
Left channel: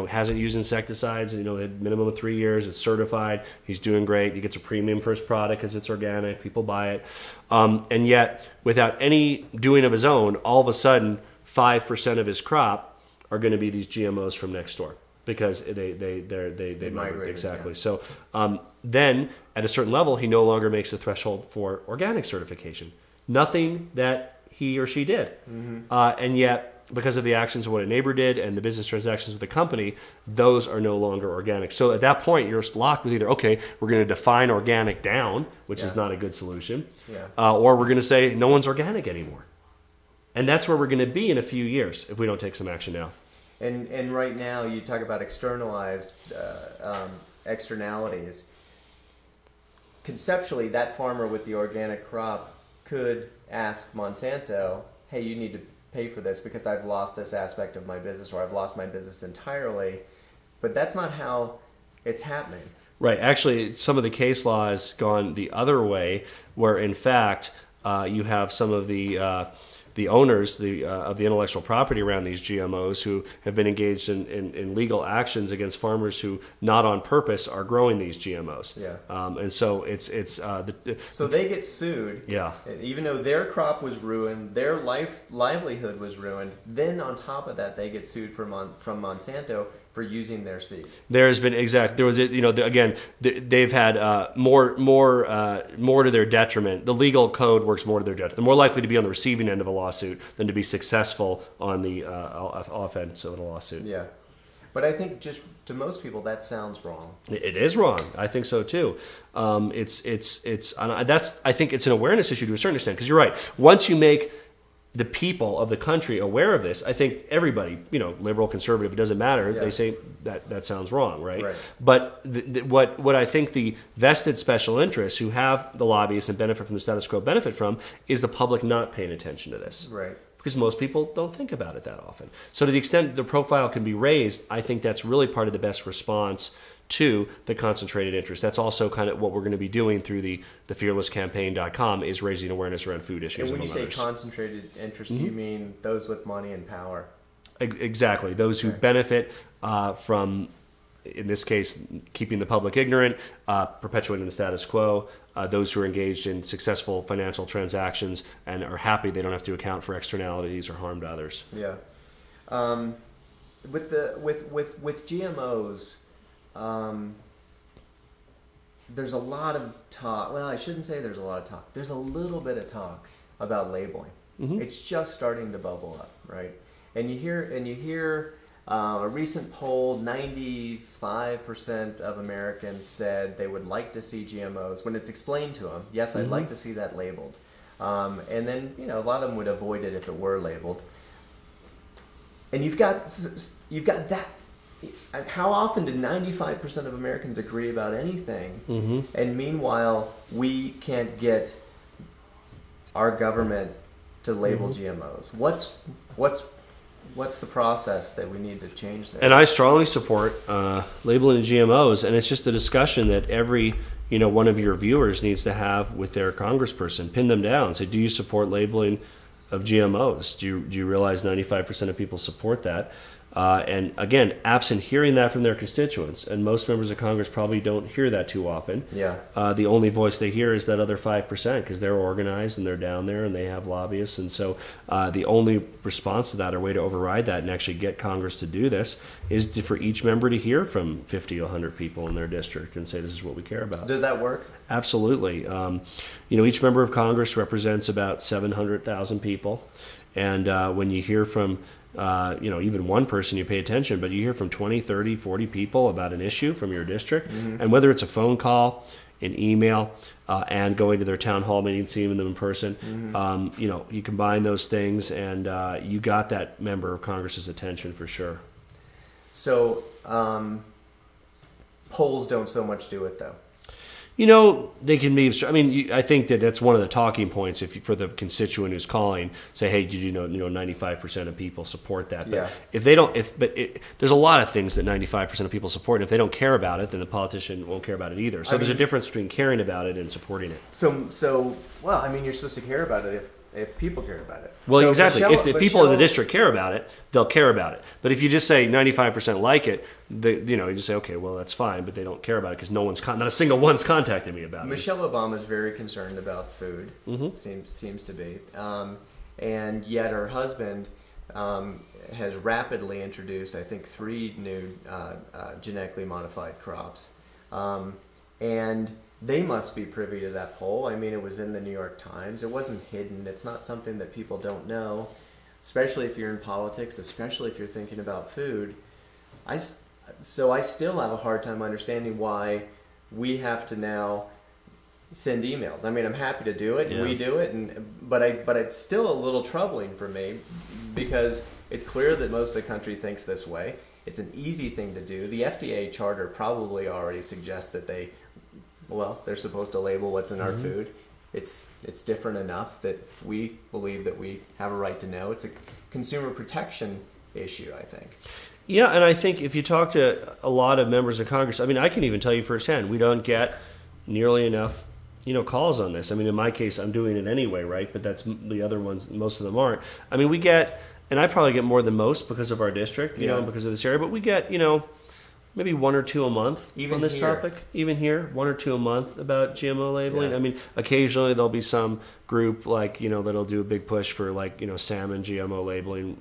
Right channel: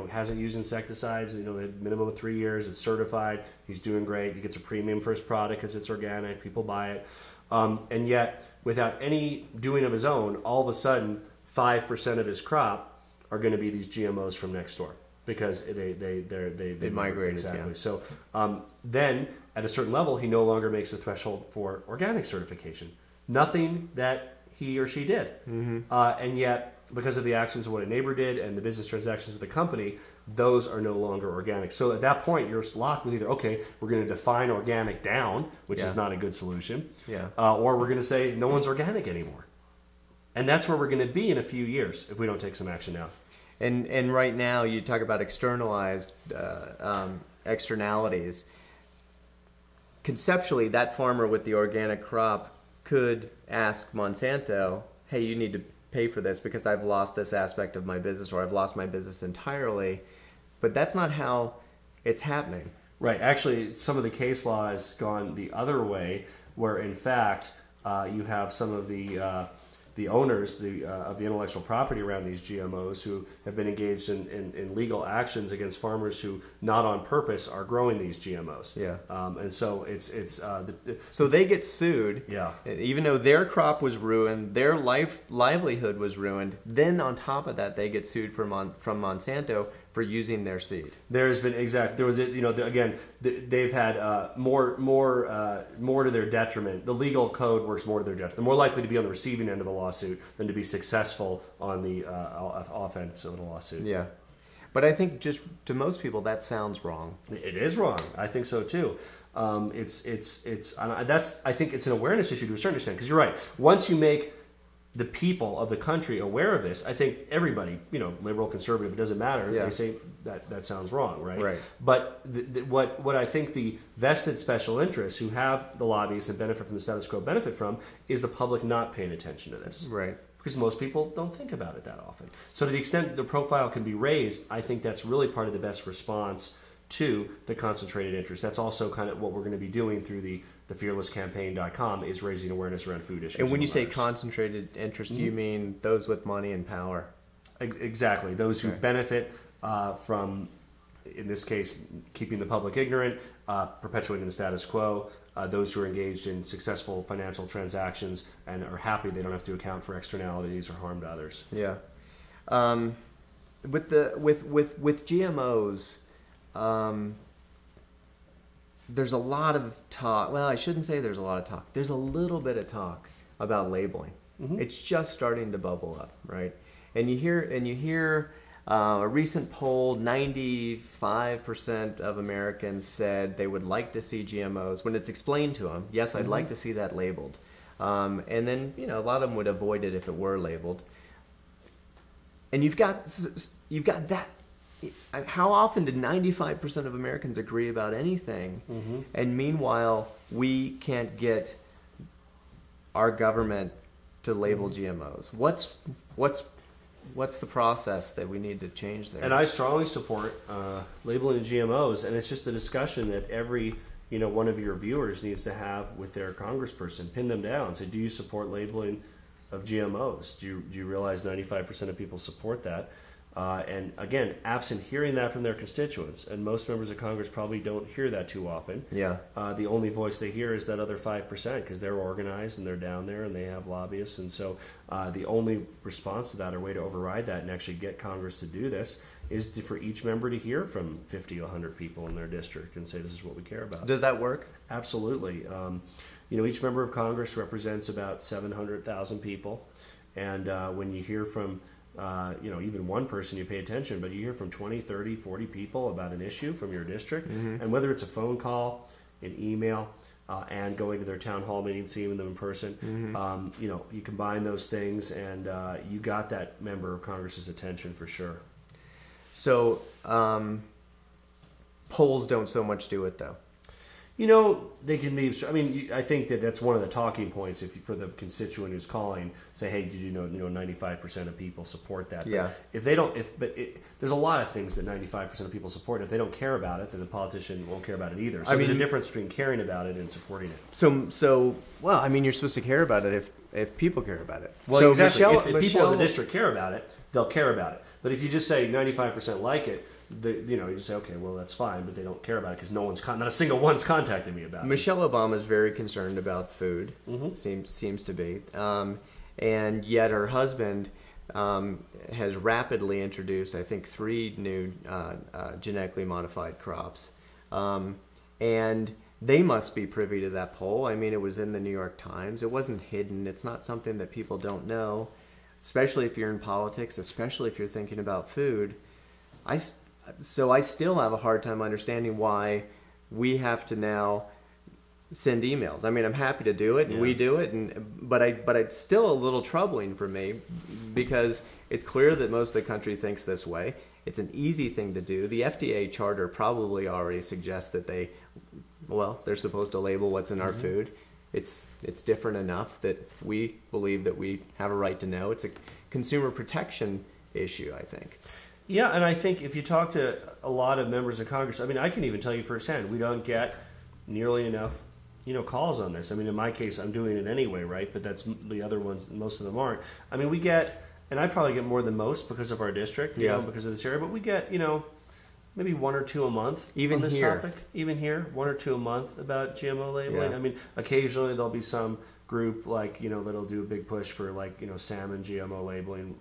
hasn't used insecticides, a minimum of 3 years, it's certified, he's doing great, he gets a premium for his product because it's organic, people buy it. And yet, without any doing of his own, all of a sudden, 5% of his crop are going to be these GMOs from next door because they migrate. Exactly. Yeah. So then, at a certain level, he no longer makes the threshold for organic certification. Nothing that he or she did. And yet, because of the actions of what a neighbor did and the business transactions with the company, those are no longer organic. So at that point, you're locked with either, okay, we're going to define organic down, which is not a good solution, or we're going to say no one's organic anymore. And that's where we're going to be in a few years if we don't take some action now. And right now, you talk about externalized externalities. Conceptually, that farmer with the organic crop could ask Monsanto, hey, you need to pay for this because I've lost this aspect of my business or I've lost my business entirely. But that's not how it's happening. Right. Actually, some of the case law has gone the other way where, in fact, you have some of the owners of the intellectual property around these GMOs who have been engaged in legal actions against farmers who, not on purpose, are growing these GMOs. Yeah. And so so they get sued. Yeah. Even though their crop was ruined, their livelihood was ruined. Then on top of that, they get sued from Monsanto for using their seed. There has been there was again they've had more to their detriment. The legal code works more to their detriment. They're more likely to be on the receiving end of a lawsuit than to be successful on the offense of a lawsuit. Yeah, but I think just to most people that sounds wrong. It is wrong. I think so too. I think it's an awareness issue to a certain extent, because you're right. Once you make the people of the country aware of this, I think everybody, liberal, conservative, it doesn't matter. Yeah. They say that sounds wrong, right? Right. But what I think the vested special interests who have the lobbyists and benefit from the status quo benefit from is the public not paying attention to this. Right. Because most people don't think about it that often. So to the extent the profile can be raised, I think that's really part of the best response to the concentrated interest. That's also kind of what we're going to be doing through the fearlesscampaign.com, is raising awareness around food issues. And when you say others. concentrated interest, do you mean those with money and power? Exactly. Those who benefit from, in this case, keeping the public ignorant, perpetuating the status quo, those who are engaged in successful financial transactions and are happy they don't have to account for externalities or harm to others. Yeah. With GMOs, there's a lot of talk. Well, I shouldn't say there's a lot of talk. There's a little bit of talk about labeling. Mm-hmm. It's just starting to bubble up, right? And you hear a recent poll, 95% of Americans said they would like to see GMOs. When it's explained to them, yes, I'd like to see that labeled. And then, a lot of them would avoid it if it were labeled. And you've got that. How often did 95% of Americans agree about anything? Mm-hmm. And meanwhile, we can't get our government to label GMOs. What's the process that we need to change there? And I strongly support labeling of GMOs, and it's just a discussion that every one of your viewers needs to have with their congressperson. Pin them down. Say, do you support labeling of GMOs? Do you realize 95% of people support that? And again, absent hearing that from their constituents, and most members of Congress probably don't hear that too often. Yeah. The only voice they hear is that other 5%, because they're organized and they're down there and they have lobbyists. And so the only response to that, or way to override that and actually get Congress to do this, is for each member to hear from 50 to 100 people in their district and say, this is what we care about. Does that work? Absolutely. Each member of Congress represents about 700,000 people. And when you hear from even one person, you pay attention, but you hear from 20, 30, 40 people about an issue from your district. Mm-hmm. And whether it's a phone call, an email, and going to their town hall meeting, seeing them in person, mm-hmm. You combine those things and you got that member of Congress's attention for sure. So polls don't so much do it, though. They can be. I mean, I think that's one of the talking points. For the constituent who's calling, say, "Hey, did you know 95% of people support that?" But yeah. If they don't, there's a lot of things that 95% of people support. And if they don't care about it, then the politician won't care about it either. So there's a difference between caring about it and supporting it. So you're supposed to care about it if people care about it. Well, so exactly. If the people in the district care about it, they'll care about it. But if you just say 95% like it, you just say, okay, well, that's fine, but they don't care about it because not a single one's contacted me about it. Michelle Obama is very concerned about food. Mm-hmm. Seems to be, and yet her husband has rapidly introduced, I think, 3 new genetically modified crops, and they must be privy to that poll. I mean, it was in the New York Times. It wasn't hidden. It's not something that people don't know, especially if you're in politics, especially if you're thinking about food. So I still have a hard time understanding why we have to now send emails. I mean, I'm happy to do it, and we do it, but it's still a little troubling for me because it's clear that most of the country thinks this way. It's an easy thing to do. The FDA charter probably already suggests that they're supposed to label what's in our food. It's different enough that we believe that we have a right to know. It's a consumer protection issue, I think. Yeah, and I think if you talk to a lot of members of Congress, I mean, I can even tell you firsthand, we don't get nearly enough, calls on this. I mean, in my case, I'm doing it anyway, right? But that's the other ones, most of them aren't. I mean, we get, and I probably get more than most because of our district, because of this area, but we get, maybe 1 or 2 a month Even on this here. topic. Even here, 1 or 2 a month about GMO labeling. Yeah. I mean, occasionally there'll be some group like that'll do a big push for like salmon GMO labeling,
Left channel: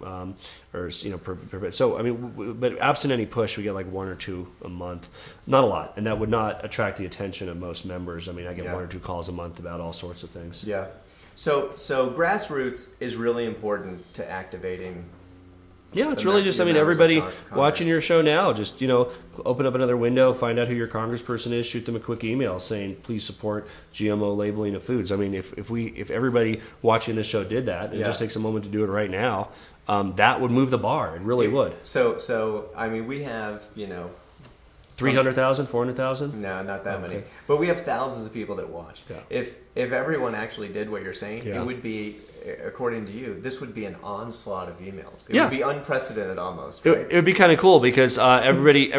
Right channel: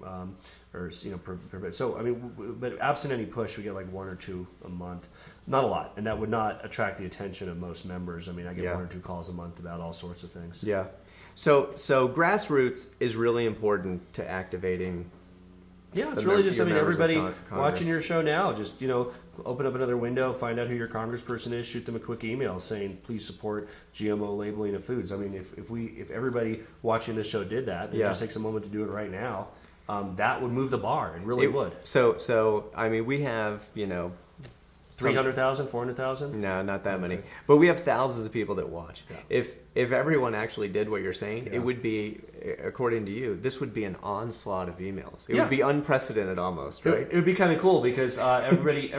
or so I mean, but absent any push, we get like 1 or 2 a month, not a lot, and that would not attract the attention of most members. I mean, I get 1 or 2 calls a month about all sorts of things. Yeah. So grassroots is really important to activating. Yeah, it's the really mem- just, your I mean, members of everybody Congress. watching your show now, just, open up another window, find out who your congressperson is, shoot them a quick email saying, please support GMO labeling of foods. I mean, if everybody watching this show did that, and it just takes a moment to do it right now, that would move the bar. It really would. So I mean, we have, 300,000, 400,000? No, not that many. Okay. But we have thousands of people that watch. Yeah. If everyone actually did what you're saying, Yeah. it would be, according to you, this would be an onslaught of emails. It Yeah. would be unprecedented almost, It, right? it would be kind of cool because everybody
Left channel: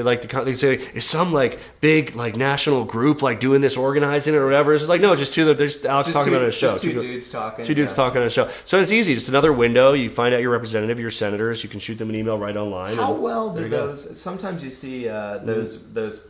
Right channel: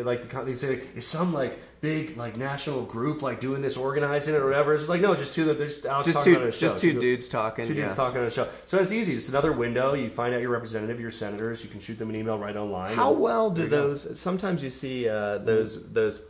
like they say, is some like big like national group like doing this, organizing it or whatever. It's just like, no, just there's Alex talking about a show. Just two dudes talking. Two dudes talking on a show. So it's easy. Just another window. You find out your representative, your senators. You can shoot them an email right online. How well do those? Sometimes you see those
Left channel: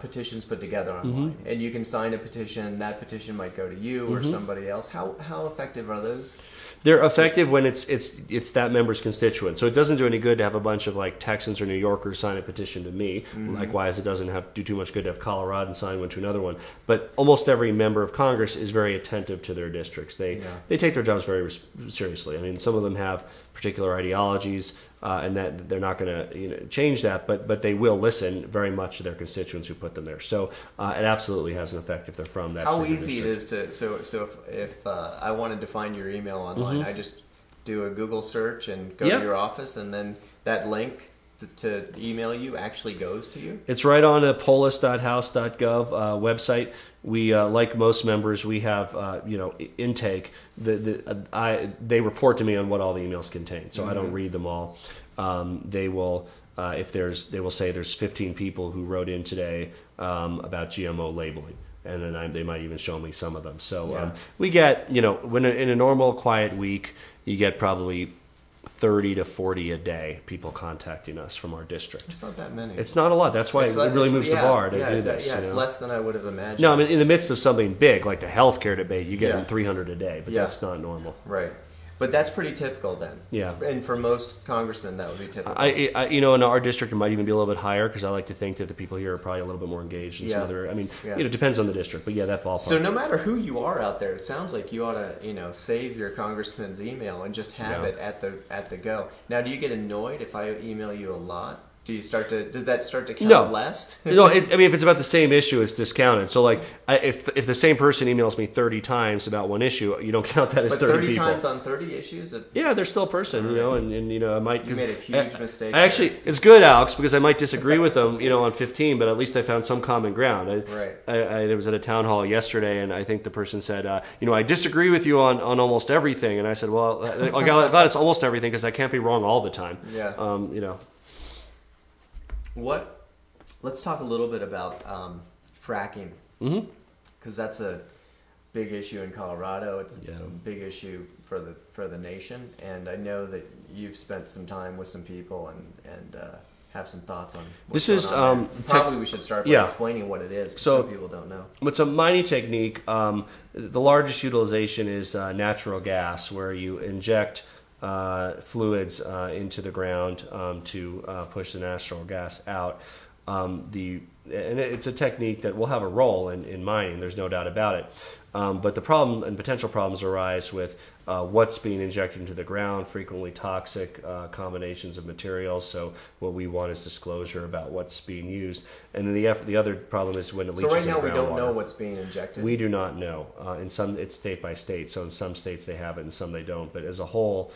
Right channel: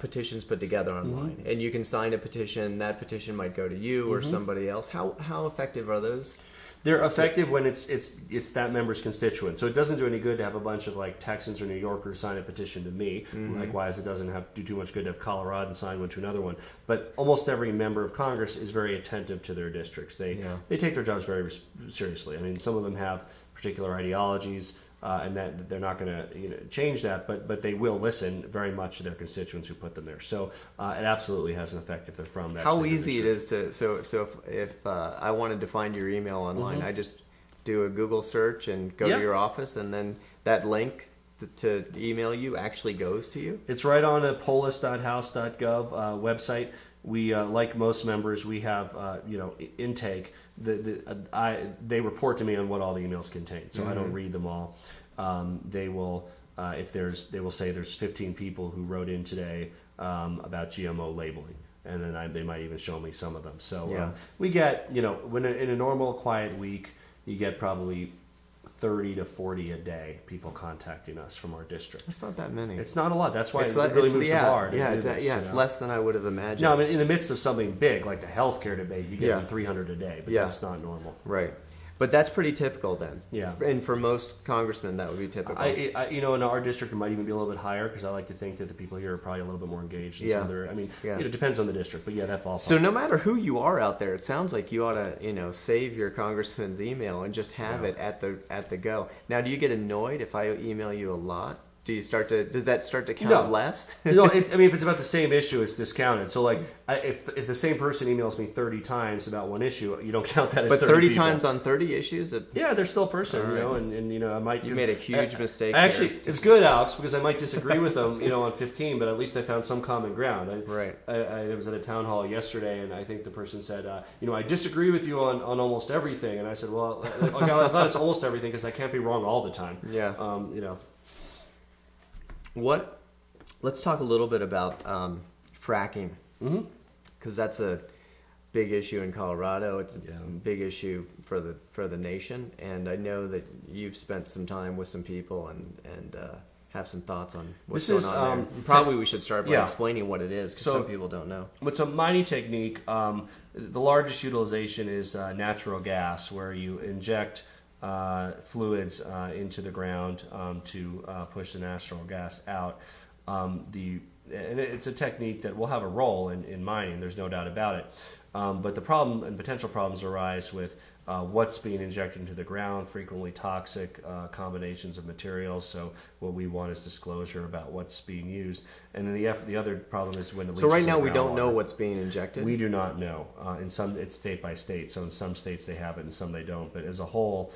petitions put together online, and you can sign a petition. That petition might go to you or somebody else. How effective are those? They're effective when it's that member's constituent. So it doesn't do any good to have a bunch of like Texans or New Yorkers sign a petition to me. Likewise, it doesn't do too much good to have Coloradans sign one to another one. But almost every member of Congress is very attentive to their districts. They take their jobs very seriously. I mean, some of them have particular ideologies, and that they're not going to change that, but they will listen very much to their constituents who put them there. So it absolutely has an effect if they're from that. How state or easy it district. is to if I wanted to find your email online, I just do a Google search and go to your office, and then that link to email you actually goes to you? It's right on the polis.house.gov website. We, like most members, we have intake. They report to me on what all the emails contain, so I don't read them all. They will they will say there's 15 people who wrote in today about GMO labeling, and then they might even show me some of them. So we get when in a normal quiet week, you get probably 30 to 40 a day people contacting us from our district. It's not that many. It's not a lot. That's why it really moves the bar to do this. Yeah, it's less than I would have imagined. No, I mean, in the midst of something big like the healthcare debate, you get them 300 a day, but that's not normal. Right. But that's pretty typical then. Yeah. And for most congressmen, that would be typical. I in our district, it might even be a little bit higher because I like to think that the people here are probably a little bit more engaged in some other. I mean, it depends on the district, but that ballpark. So no matter who you are out there, it sounds like you ought to save your congressman's email and just have it at the go. Now, do you get annoyed if I email you a lot? Does that start to count less? No, if it's about the same issue, it's discounted. So, like, if the same person emails me 30 times about one issue, you don't count that as 30 30 people. times on 30 issues? They're still a person, and I might... You made a huge mistake. Actually, it's good, Alex, because I might disagree with them, on 15, but at least I found some common ground. I was at a town hall yesterday, and I think the person said, I disagree with you on almost everything. And I said, well, I'm glad it's almost everything because I can't be wrong all the time. Yeah. Let's talk a little bit about fracking, because that's a big issue in Colorado. It's a big issue for the nation, and I know that you've spent some time with some people and have some thoughts on what's going on there. Probably we should start by explaining what it is, because some people don't know. It's a mining technique. The largest utilization is natural gas, where you inject fluids into the ground to push the natural gas out. And it's a technique that will have a role in mining. There's no doubt about it. But the problem and potential problems arise with what's being injected into the ground, frequently toxic combinations of materials. So what we want is disclosure about what's being used. And then the other problem is when it leaches So right now in the we don't groundwater. know what's being injected? We do not know. In some, it's state by state. So in some states they have it, and some they don't. But as a whole,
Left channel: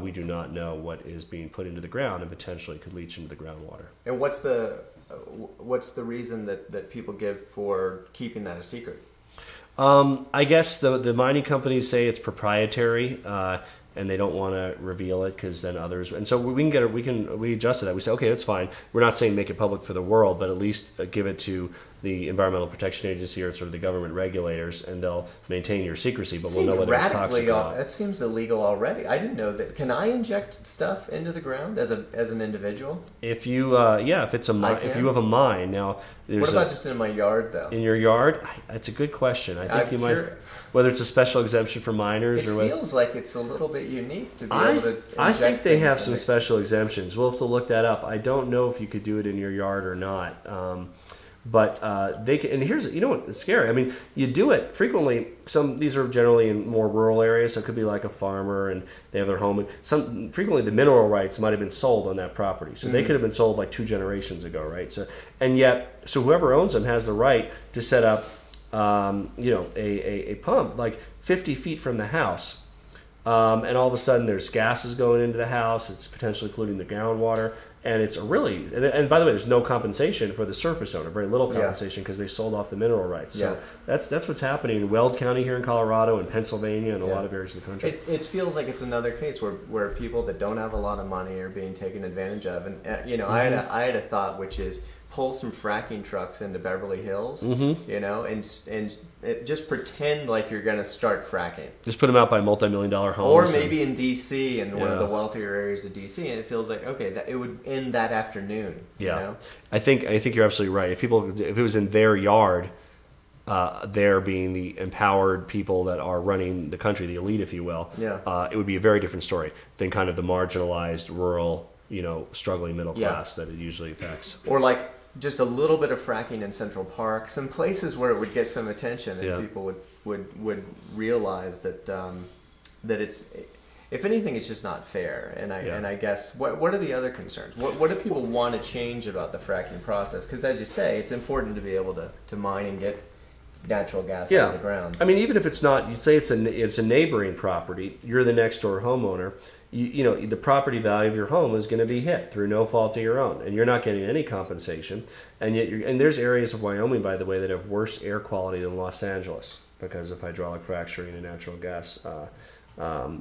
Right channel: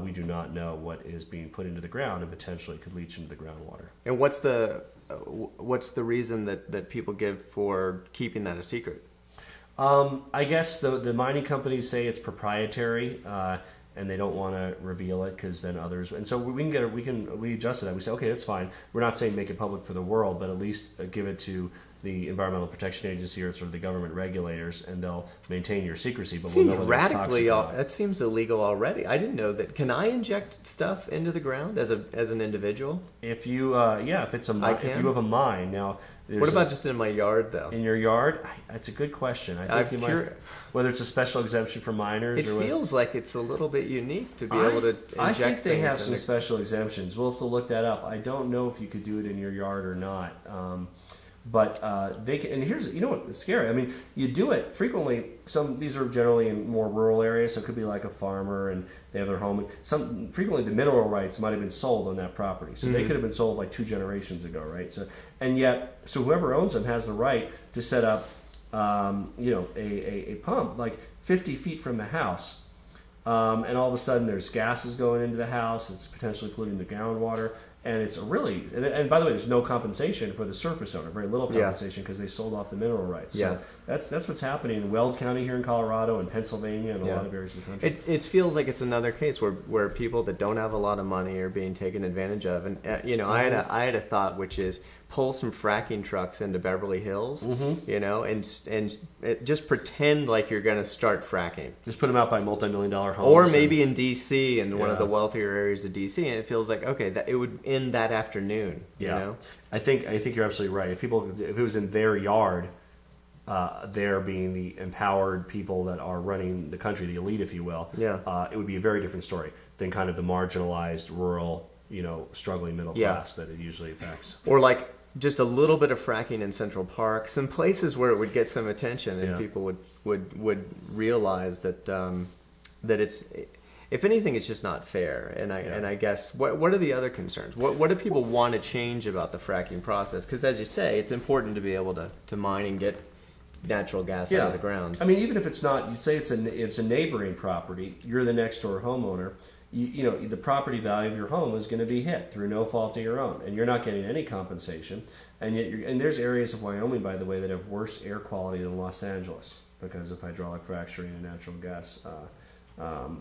we do not know what is being put into the ground and potentially could leach into the groundwater. And what's the reason that people give for keeping that a secret? I guess the mining companies say it's proprietary, and they don't want to reveal it because then others. And so we adjusted that. We say, okay, that's fine. We're not saying make it public for the world, but at least give it to the Environmental Protection Agency or sort of the government regulators, and they'll maintain your secrecy, but we'll Seems know whether it's toxic radically. or not. That seems illegal already. I didn't know that. Can I inject stuff into the ground as an individual? If you, if it's if you have a mine now. What about just in my yard, though? In your yard? That's a good question. I think you might, whether it's a special exemption for minors it or whether, feels like it's a little bit unique to be able to inject I think they have some things special exemptions. We'll have to look that up. I don't know if you could do it in your yard or not. But they can, and here's, you know what's scary? I mean, you do it frequently. These are generally in more rural areas, so it could be like a farmer and they have their home. And frequently the mineral rights might have been sold on that property, so they could have been sold like 2 generations ago, right? So whoever owns them has the right to set up, a pump like 50 feet from the house. And all of a sudden there's gases going into the house. It's potentially polluting the groundwater. And it's and by the way, there's no compensation for the surface owner, very little compensation because they sold off the mineral rights. So that's what's happening in Weld County here in Colorado and Pennsylvania and a lot of areas of the country. It feels like it's another case where people that don't have a lot of money are being taken advantage of. And I had a thought, which is pull some fracking trucks into Beverly Hills, and just pretend like you're going to start fracking. Just put them out by multi-million-dollar homes. Or maybe in D.C. in one of the wealthier areas of D.C. And it feels like, okay, that it would end that afternoon. Yeah, you know? I think you're absolutely right. If it was in their yard, there being the empowered people that are running the country, the elite, if you will, it would be a very different story than kind of the marginalized, rural, struggling middle class that it usually affects. Or like just a little bit of fracking in Central Park, some places where it would get some attention and people would realize that that it's, if anything, it's just not fair. And I guess what are the other concerns? What do people want to change about the fracking process? Because as you say, it's important to be able to mine and get natural gas out of the ground. I mean, even if it's not, you'd say it's a neighboring property, you're the next door homeowner. The property value of your home is going to be hit through no fault of your own, and you're not getting any compensation. And yet, and there's areas of Wyoming, by the way, that have worse air quality than Los Angeles because of hydraulic fracturing and natural gas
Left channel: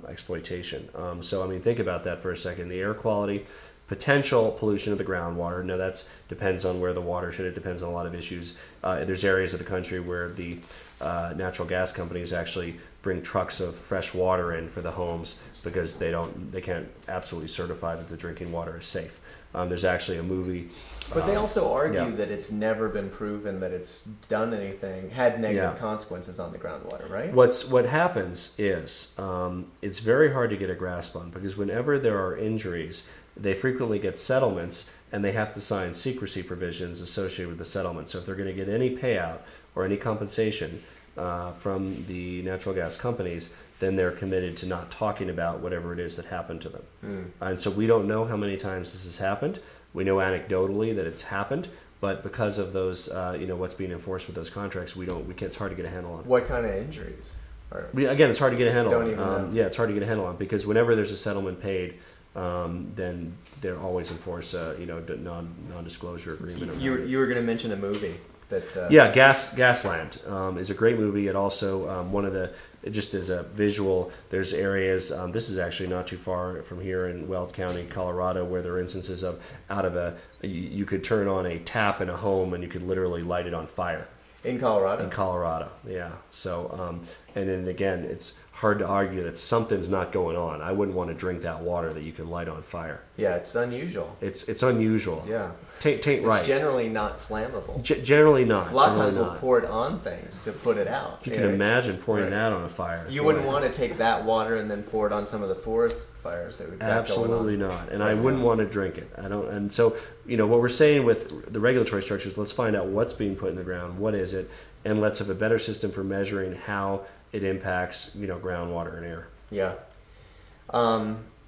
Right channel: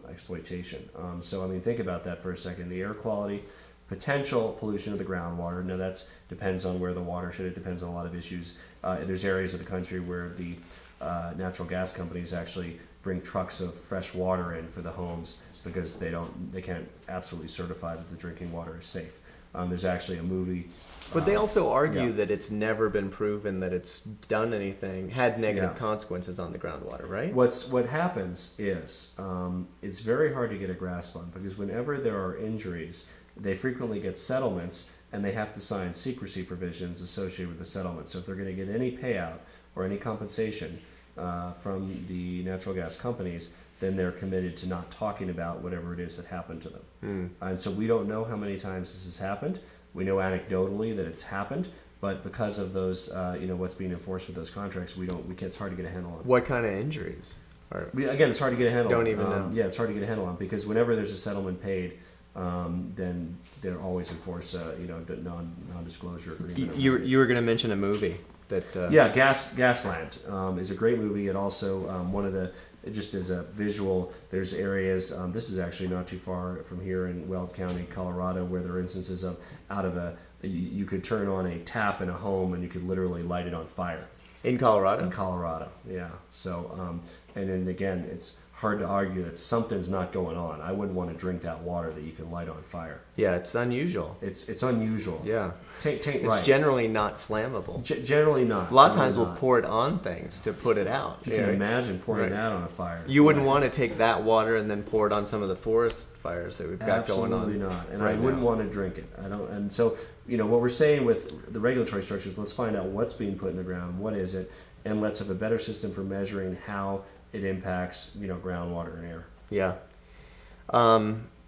exploitation. So, I mean, think about that for a second. The air quality, potential pollution of the groundwater. Now, that depends on where the watershed. It depends on a lot of issues. There's areas of the country where the natural gas companies actually bring trucks of fresh water in for the homes because they can't absolutely certify that the drinking water is safe. There's actually a movie. But they also argue that it's never been proven that it's had negative consequences on the groundwater, right? What happens is it's very hard to get a grasp on because whenever there are injuries, they frequently get settlements and they have to sign secrecy provisions associated with the settlement. So if they're going to get any payout or any compensation from the natural gas companies, then they're committed to not talking about whatever it is that happened to them. And so we don't know how many times this has happened. We know anecdotally that it's happened, but because of those, what's being enforced with those contracts, it's hard to get a handle on. What kind of injuries? Again, it's hard to get a handle on. Don't even know. Yeah, it's hard to get a handle on because whenever there's a settlement paid, then they're always enforce non-disclosure agreement. You were going to mention a movie. Gasland is a great movie. It also one of the, just as a visual, there's areas, this is actually not too far from here in Weld County, Colorado, where there are instances of you could turn on a tap in a home and you could literally light it on fire. In Colorado? In Colorado, yeah. So, and then again, it's hard to argue that something's not going on. I wouldn't want to drink that water that you can light on fire. Yeah, it's unusual. It's unusual. Yeah. It's generally not flammable. Generally not. A lot of times we'll pour it on things to put it out. You can imagine pouring that on a fire. You wouldn't want to take that water and then pour it on some of the forest fires that we've got Absolutely going on. not. And I wouldn't want to drink it. I don't. And so, what we're saying with the regulatory structures, let's find out what's being put in the ground, what is it, and let's have a better system for measuring how it impacts, groundwater and air. Yeah.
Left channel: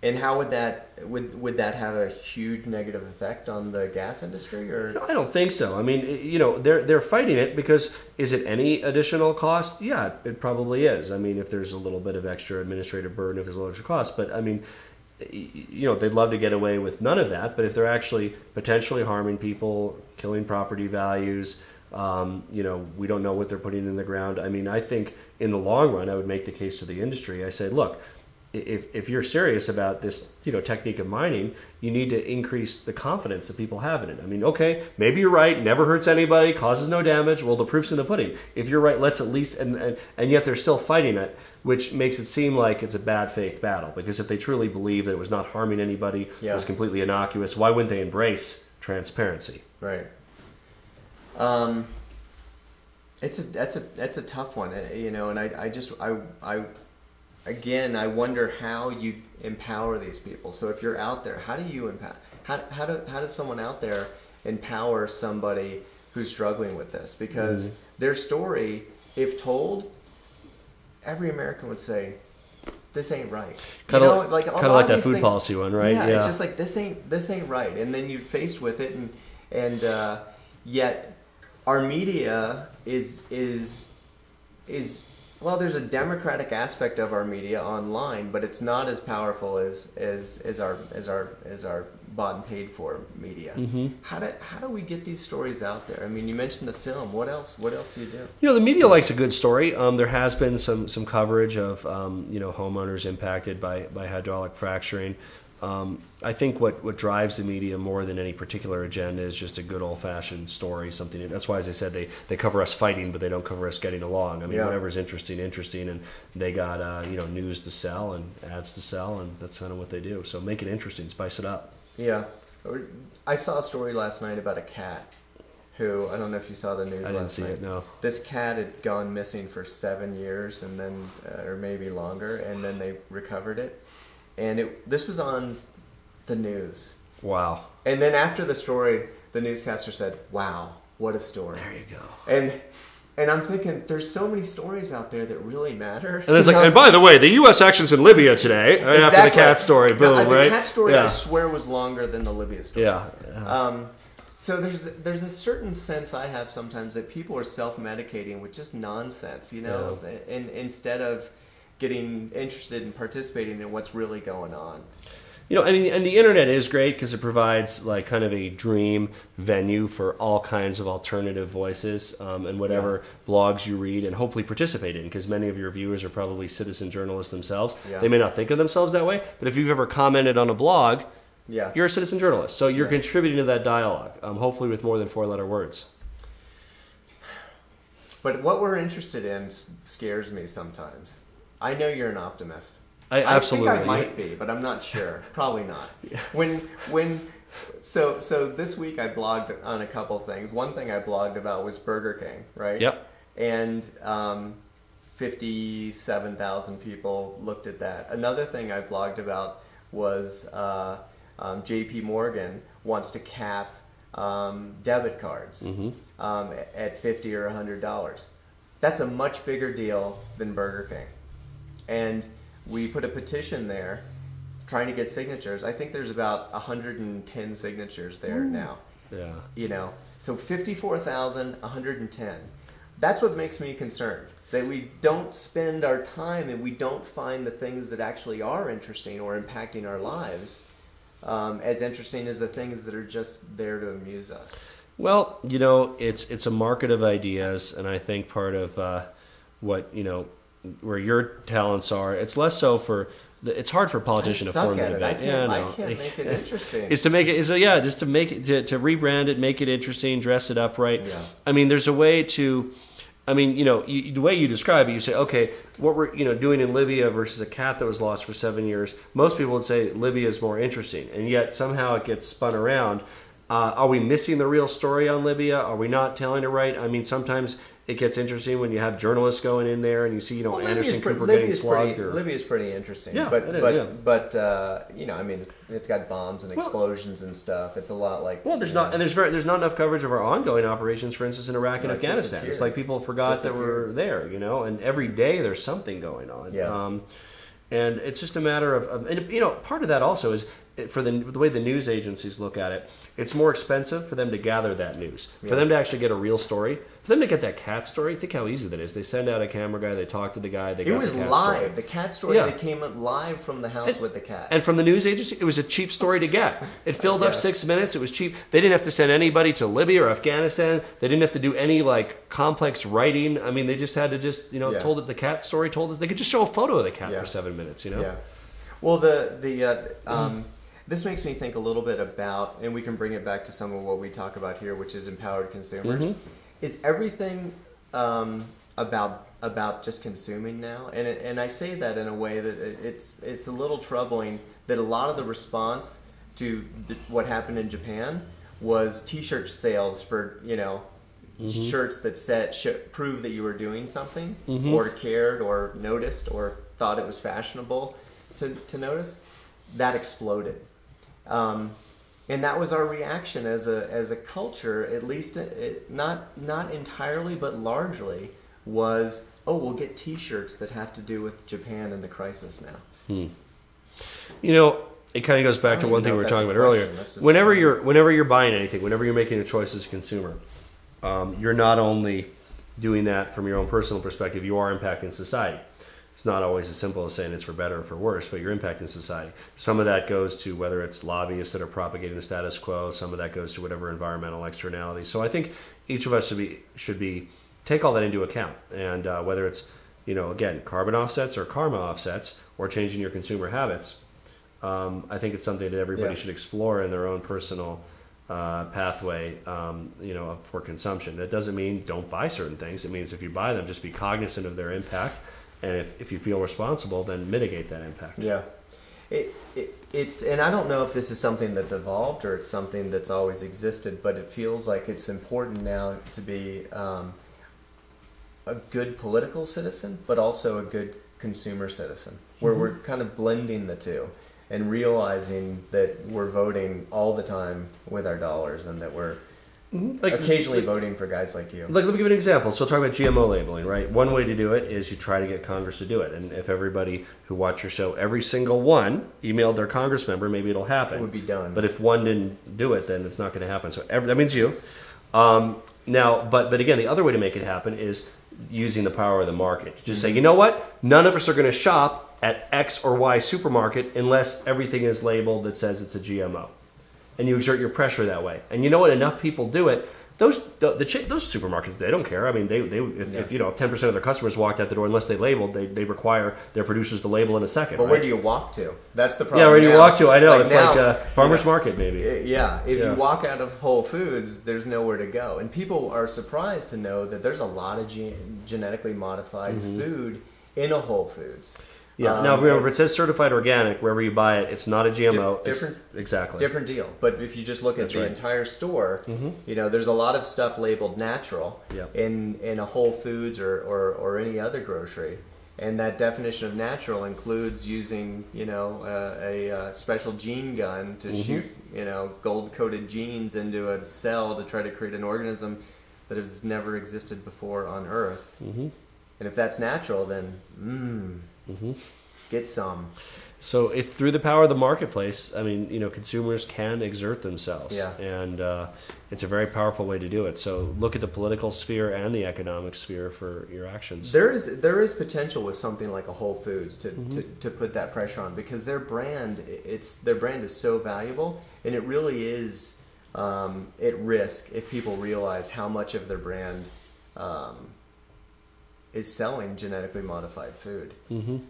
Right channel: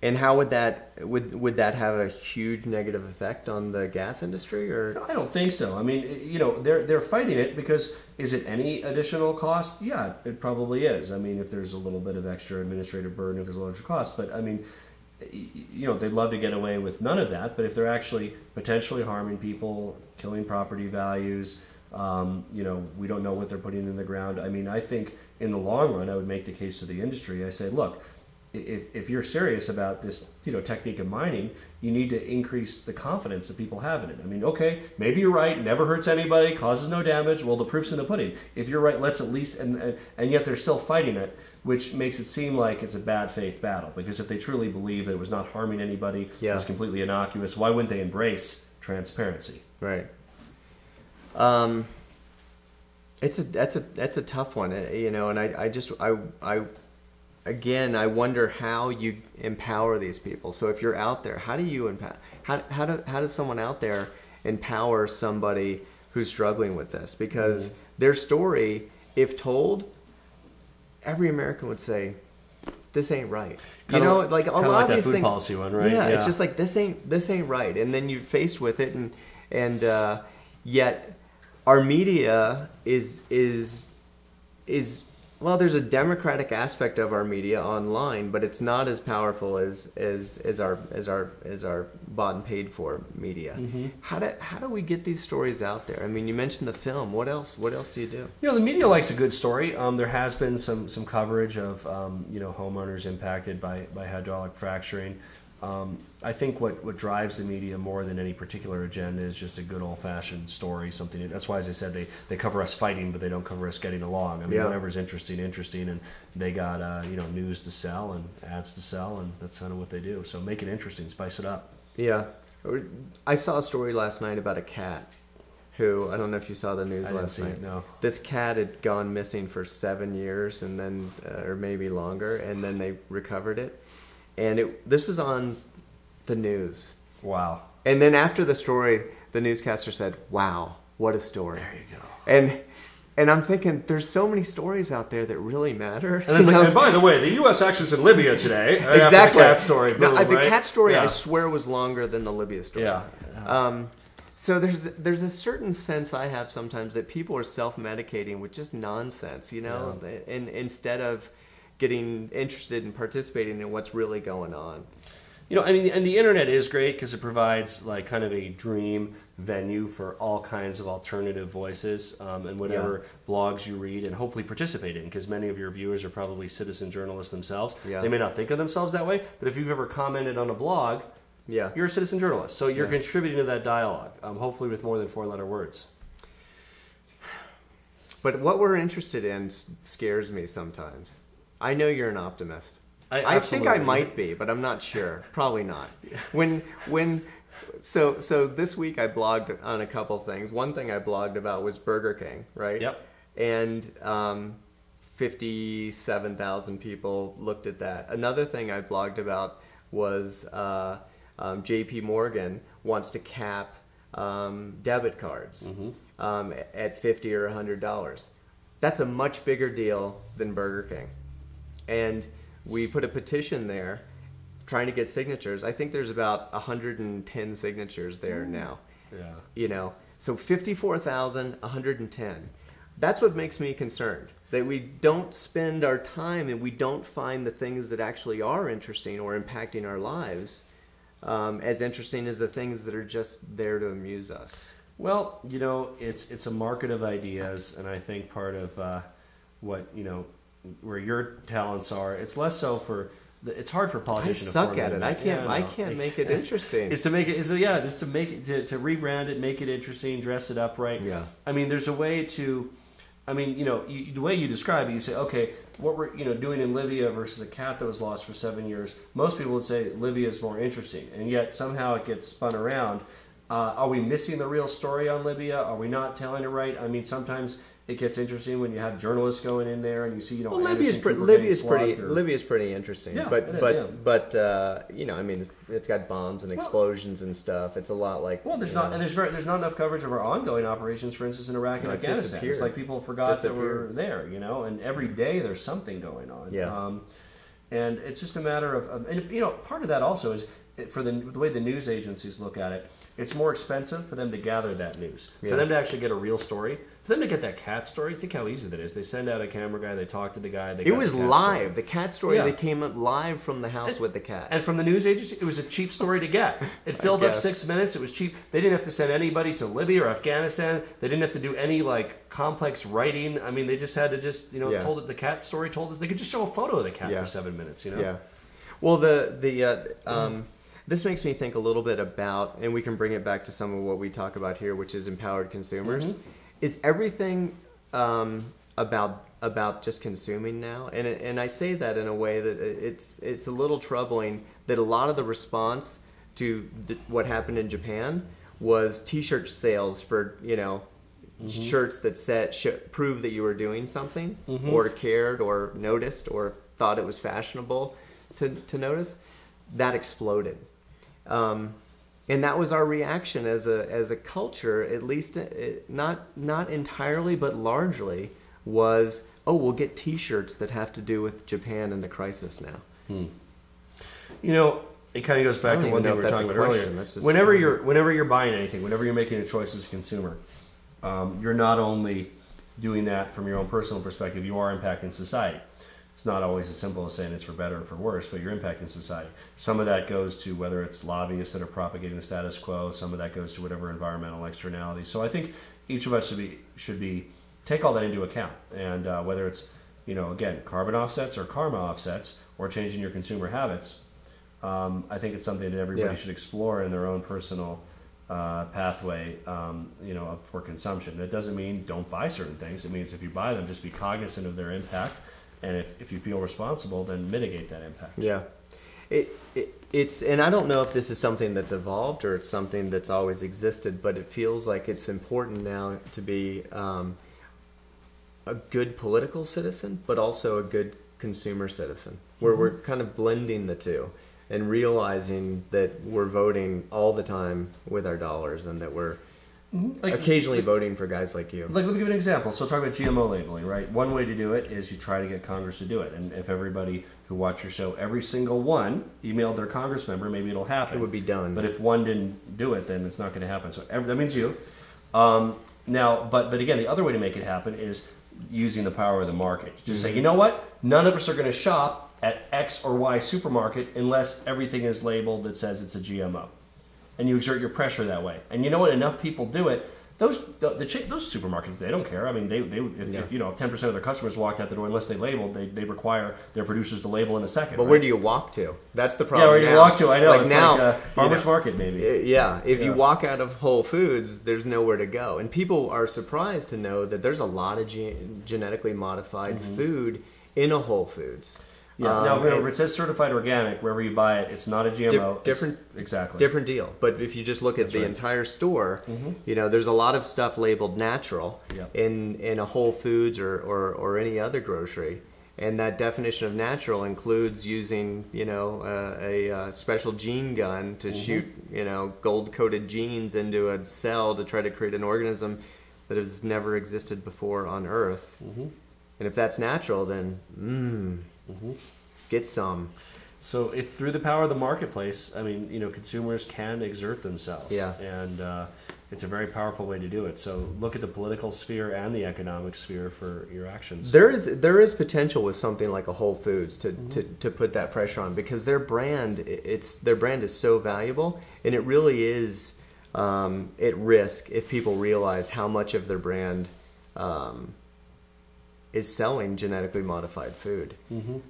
And how would that have a huge negative effect on the gas industry, or? No, I don't think so. I mean, they're fighting it because is it any additional cost? Yeah, it probably is. I mean, if there's a little bit of extra administrative burden, if there's a larger cost, but I mean, they'd love to get away with none of that. But if they're actually potentially harming people, killing property values, we don't know what they're putting in the ground. I mean, I think in the long run, I would make the case to the industry. I say, look, if you're serious about this, technique of mining, you need to increase the confidence that people have in it. I mean, okay, maybe you're right, never hurts anybody, causes no damage. Well, the proof's in the pudding. If you're right, let's at least, and yet they're still fighting it, which makes it seem like it's a bad faith battle. Because if they truly believe that it was not harming anybody, it was completely innocuous, why wouldn't they embrace transparency? Right. That's a tough one, and Again, I wonder how you empower these people. So if you're out there, how do you empower? How does someone out there empower somebody who's struggling with this? Because their story, if told, every American would say, "This ain't right." Kind of like that food policy one, right? Yeah, it's just like this ain't right, and then you're faced with it, and yet our media is. Well, there's a democratic aspect of our media online, but it's not as powerful as our bought and paid for media. Mm-hmm. How do we get these stories out there? I mean, you mentioned the film. What else do you do? The media likes a good story. There has been some coverage of homeowners impacted by hydraulic fracturing. I think what drives the media more than any particular agenda is just a good old-fashioned story. Something that's why, as I said, they cover us fighting, but they don't cover us getting along. I mean, whatever's interesting, and they got news to sell and ads to sell, and that's kind of what they do. So make it interesting, spice it up. Yeah, I saw a story last night about a cat who, I don't know if you saw the news last night. I didn't see it, no. This cat had gone missing for 7 years, and then or maybe longer, and then they recovered it. And this was on the news. Wow. And then after the story, the newscaster said, "Wow, what a story." There you go. And I'm thinking, there's so many stories out there that really matter. And it's and by the way, the U.S. actions in Libya today. Exactly. After the cat story, boom, the right? cat story, I swear, was longer than the Libya story. Yeah. So there's a certain sense I have sometimes that people are self-medicating with just nonsense, and instead of getting interested in participating in what's really going on. And the internet is great because it provides like kind of a dream venue for all kinds of alternative voices and whatever blogs you read and hopefully participate in, because many of your viewers are probably citizen journalists themselves. Yeah. They may not think of themselves that way, but if you've ever commented on a blog, you're a citizen journalist. So you're contributing to that dialogue, hopefully with more than 4-letter words. But what we're interested in scares me sometimes. I know you're an optimist. I think I might be, but I'm not sure. Probably not. So this week I blogged on a couple things. One thing I blogged about was Burger King, right? Yep. And 57,000 people looked at that. Another thing I blogged about was J.P. Morgan wants to cap debit cards at $50 or $100. That's a much bigger deal than Burger King. And we put a petition there trying to get signatures. I think there's about 110 signatures there now. Yeah. So 54,000, 110. That's what makes me concerned. That we don't spend our time and we don't find the things that actually are interesting or impacting our lives as interesting as the things that are just there to amuse us. Well, it's a market of ideas, and I think part of what, where your talents are, it's less so for it's hard for a politician to formulate it. I can't make it interesting. Is to make it just to make it to rebrand it, make it interesting, dress it up right. Yeah. I mean, there's a way to. I mean, the way you describe it, you say, okay, what we're doing in Libya versus a cat that was lost for 7 years. Most people would say Libya is more interesting, and yet somehow it gets spun around. Are we missing the real story on Libya? Are we not telling it right? I mean, sometimes it gets interesting when you have journalists going in there and you see, Anderson Cooper getting slugged. Libya's pretty interesting. Yeah, but I mean, it's got bombs and explosions and stuff. It's a lot like. Well, there's not enough coverage of our ongoing operations, for instance, in Iraq and Afghanistan. It's like people forgot that we're there, and every day there's something going on. Yeah. And it's just a matter of, and part of that also is for the way the news agencies look at it. It's more expensive for them to gather that news, for them to actually get a real story, for them to get that cat story. Think how easy that is. They send out a camera guy, they talk to the guy. It was live. Story. The cat story, they came live from the house with the cat. And from the news agency, it was a cheap story to get. It filled up 6 minutes. It was cheap. They didn't have to send anybody to Libya or Afghanistan. They didn't have to do any complex writing. I mean, they just had to told it. The cat story told us. They could just show a photo of the cat for 7 minutes. Yeah. Well, this makes me think a little bit about, and we can bring it back to some of what we talk about here, which is empowered consumers. Is everything about just consuming now? And I say that in a way that it's a little troubling that a lot of the response to what happened in Japan was T-shirt sales for shirts that prove that you were doing something or cared or noticed or thought it was fashionable to notice. That exploded. And that was our reaction as a culture, at least not entirely, but largely, was, oh, we'll get T-shirts that have to do with Japan and the crisis now. It kind of goes back to one thing we were talking about earlier. Whenever you're buying anything, whenever you're making a choice as a consumer, you're not only doing that from your own personal perspective, you are impacting society. It's not always as simple as saying it's for better or for worse, but you're impacting society. Some of that goes to whether it's lobbyists that are propagating the status quo. Some of that goes to whatever environmental externalities. So I think each of us should be take all that into account. And whether it's, again, carbon offsets or karma offsets or changing your consumer habits, I think it's something that everybody should explore in their own personal pathway, for consumption. That doesn't mean don't buy certain things. It means if you buy them, just be cognizant of their impact. And if you feel responsible, then mitigate that impact. Yeah. It's and I don't know if this is something that's evolved or it's something that's always existed, but it feels like it's important now to be a good political citizen, but also a good consumer citizen, where we're kind of blending the two and realizing that we're voting all the time with our dollars and that we're occasionally voting for guys like you. Let me give you an example. So talk about GMO labeling, right? One way to do it is you try to get Congress to do it. And if everybody who watched your show, every single one, emailed their Congress member, maybe it'll happen. It would be done. But if one didn't do it, then it's not going to happen. So that means you. But again, the other way to make it happen is using the power of the market. Just say, you know what? None of us are going to shop at X or Y supermarket unless everything is labeled that says it's a GMO. And you exert your pressure that way. And you know what? Enough people do it. Those supermarkets, they don't care. I mean, if 10% of their customers walked out the door, unless they labeled, they require their producers to label in a second. But right? where do you walk to? That's the problem. Yeah, where do you walk to? I know. Like it's now, like farmer's market, maybe. Yeah. If you walk out of Whole Foods, there's nowhere to go. And people are surprised to know that there's a lot of genetically modified food in a Whole Foods. Yeah. Now, remember, it says certified organic wherever you buy it. It's not a GMO. Different deal. But if you just look at the entire store, there's a lot of stuff labeled natural in a Whole Foods or any other grocery. And that definition of natural includes using, a special gene gun to shoot, gold-coated genes into a cell to try to create an organism that has never existed before on Earth. And if that's natural, then get some. So if through the power of the marketplace, I mean, consumers can exert themselves. Yeah. And it's a very powerful way to do it. So look at the political sphere and the economic sphere for your actions. There is potential with something like a Whole Foods to put that pressure on, because their brand is so valuable, and it really is at risk if people realize how much of their brand is selling genetically modified food.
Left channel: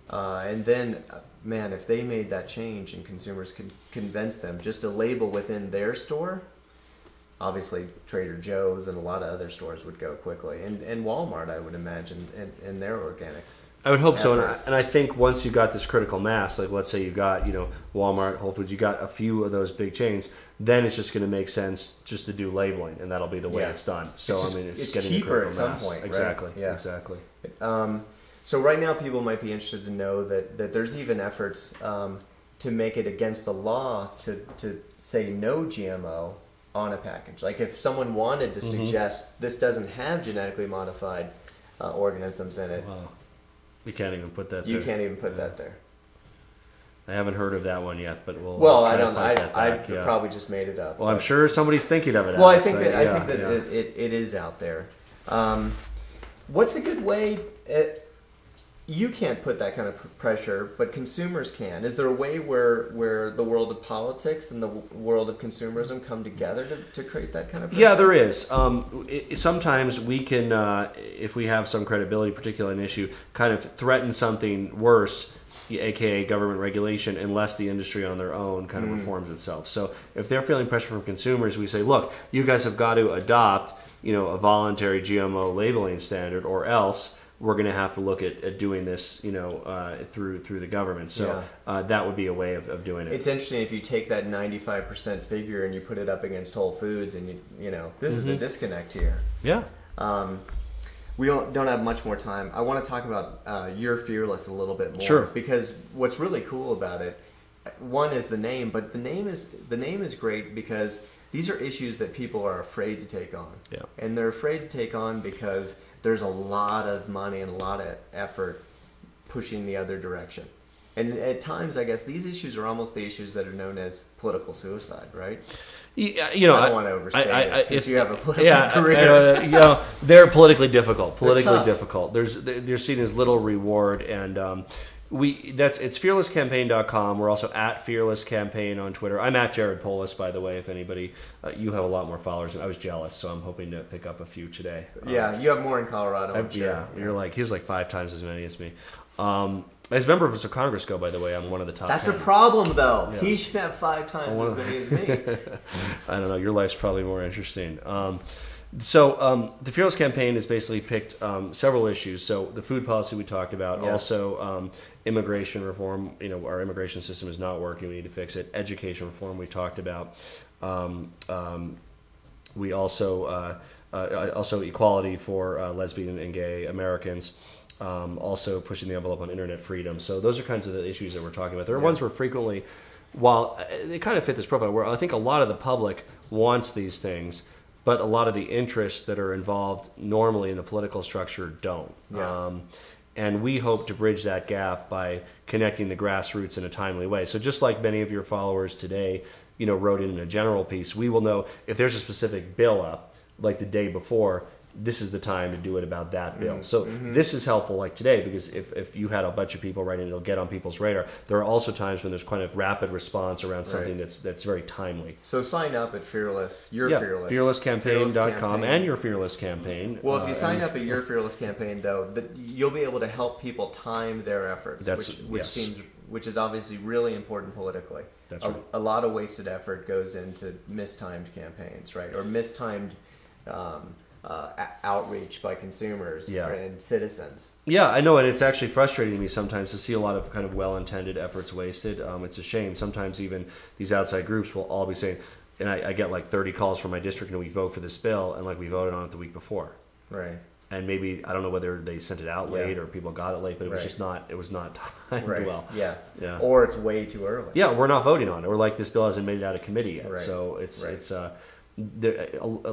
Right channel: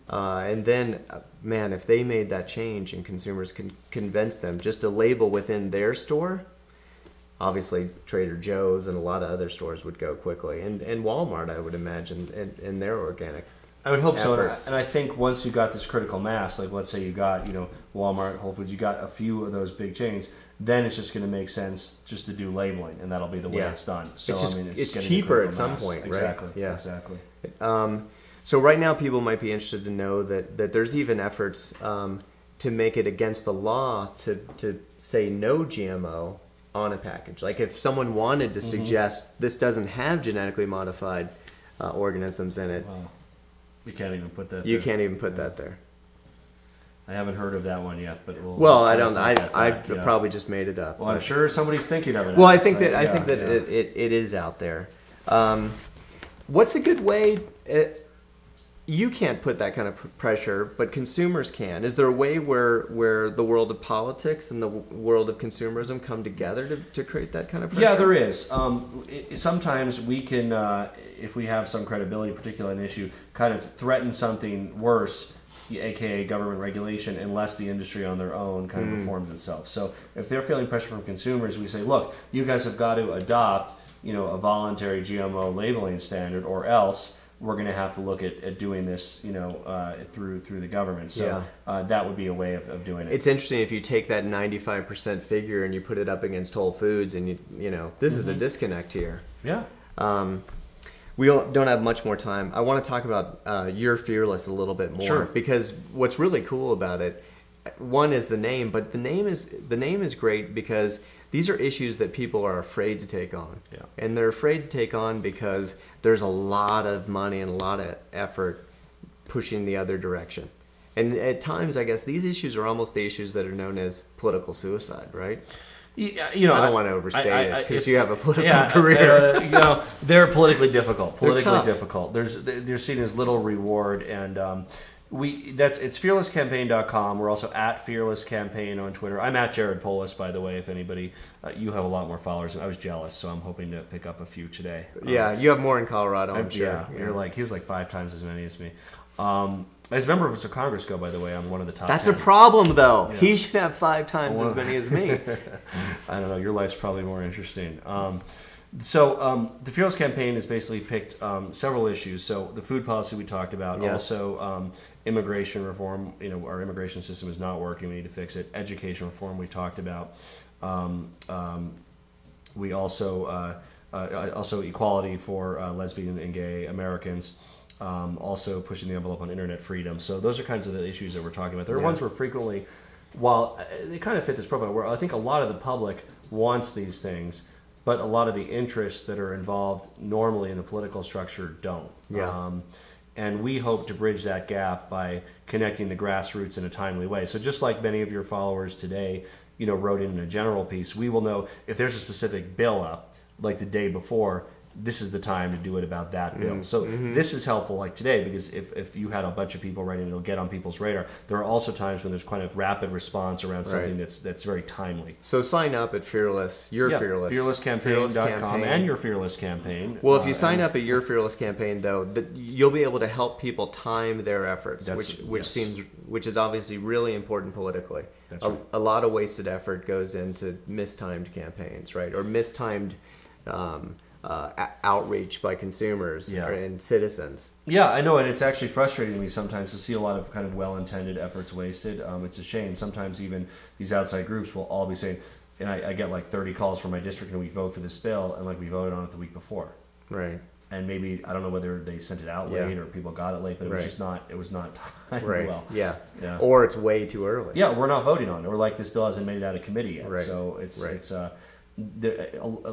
And then, man, if they made that change and consumers can convince them just a label within their store, obviously Trader Joe's and a lot of other stores would go quickly. And Walmart, I would imagine, in their organic I would hope efforts. So. And I think once you got this critical mass, like let's say you got, Walmart, Whole Foods, you got a few of those big chains, then it's just going to make sense just to do labeling, and that'll be the way it's done. So it's cheaper at some point, right? Exactly. Yeah. Exactly. So right now, people might be interested to know that there's even efforts to make it against the law to say no GMO on a package. Like if someone wanted to suggest this doesn't have genetically modified organisms in it, you can't even put that. You can't even put that there. I haven't heard of that one yet, but we'll. Well, I don't. I probably just made it up. Well, I'm sure somebody's thinking of it. Well, I think that it is out there. What's a good way? You can't put that kind of pressure, but consumers can. Is there a way where the world of politics and the world of consumerism come together to create that kind of pressure? Yeah, there is. Sometimes we can, if we have some credibility, particularly an issue, kind of threaten something worse aka government regulation, unless the industry on their own kind of reforms itself. So if they're feeling pressure from consumers, we say, look, you guys have got to adopt, a voluntary GMO labeling standard, or else we're going to have to look at doing this, through the government. So that would be a way of doing it. It's interesting if you take that 95% figure and you put it up against Whole Foods, and this is a disconnect here. Yeah. We don't have much more time. I want to talk about You're Fearless a little bit more. Sure. Because what's really cool about it, one is the name, but the name is great because these are issues that people are afraid to take on. Yeah. And they're afraid to take on because there's a lot of money and a lot of effort pushing the other direction. And at times, I guess, these issues are almost the issues that are known as political suicide, right? Yeah, I don't want to overstate it because you have a political career. They're politically difficult. They're difficult. They're seen as little reward, and it's fearlesscampaign.com. We're also at Fearless Campaign on Twitter. I'm at Jared Polis, by the way. If anybody, you have a lot more followers, and I was jealous, so I'm hoping to pick up a few today. Yeah, you have more in Colorado. I'm sure. Yeah, he's like 5 times as many as me. As a member of Congress go, by the way, I'm one of the top. That's 10. a problem, though. Yeah. He should have 5 times as many as me. I don't know. Your life's probably more interesting. So the Fearless Campaign has basically picked several issues. So the food policy we talked about, also immigration reform. Our immigration system is not working. We need to fix it. Education reform we talked about. We also equality for lesbian and gay Americans. Also pushing the envelope on internet freedom. So those are kinds of the issues that we're talking about. There are ones where frequently, while they kind of fit this profile, where I think a lot of the public wants these things, but a lot of the interests that are involved normally in the political structure don't. Yeah. And we hope to bridge that gap by connecting the grassroots in a timely way. So just like many of your followers today, wrote in a general piece, we will know if there's a specific bill up, like the day before, this is the time to do it about that bill. So this is helpful like today, because if you had a bunch of people writing, it'll get on people's radar. There are also times when there's kind of rapid response around something that's very timely. So sign up at Fearless. Fearless. Fearlesscampaign.com and Your Fearless Campaign. Well, if you sign up at Your Fearless Campaign, though, you'll be able to help people time their efforts, which is obviously really important politically. That's right. A lot of wasted effort goes into mistimed campaigns, right? Or mistimed outreach by consumers and citizens. Yeah, I know, and it's actually frustrating to me sometimes to see a lot of kind of well-intended efforts wasted. It's a shame. Sometimes even these outside groups will all be saying, and I get like 30 calls from my district and we vote for this bill, and like we voted on it the week before. Right. And maybe, I don't know whether they sent it out late or people got it late, but it was just not, it was not timed well. Yeah. Or it's way too early. Yeah, we're not voting on it. Or like this bill hasn't made it out of committee yet. Right. So it's there,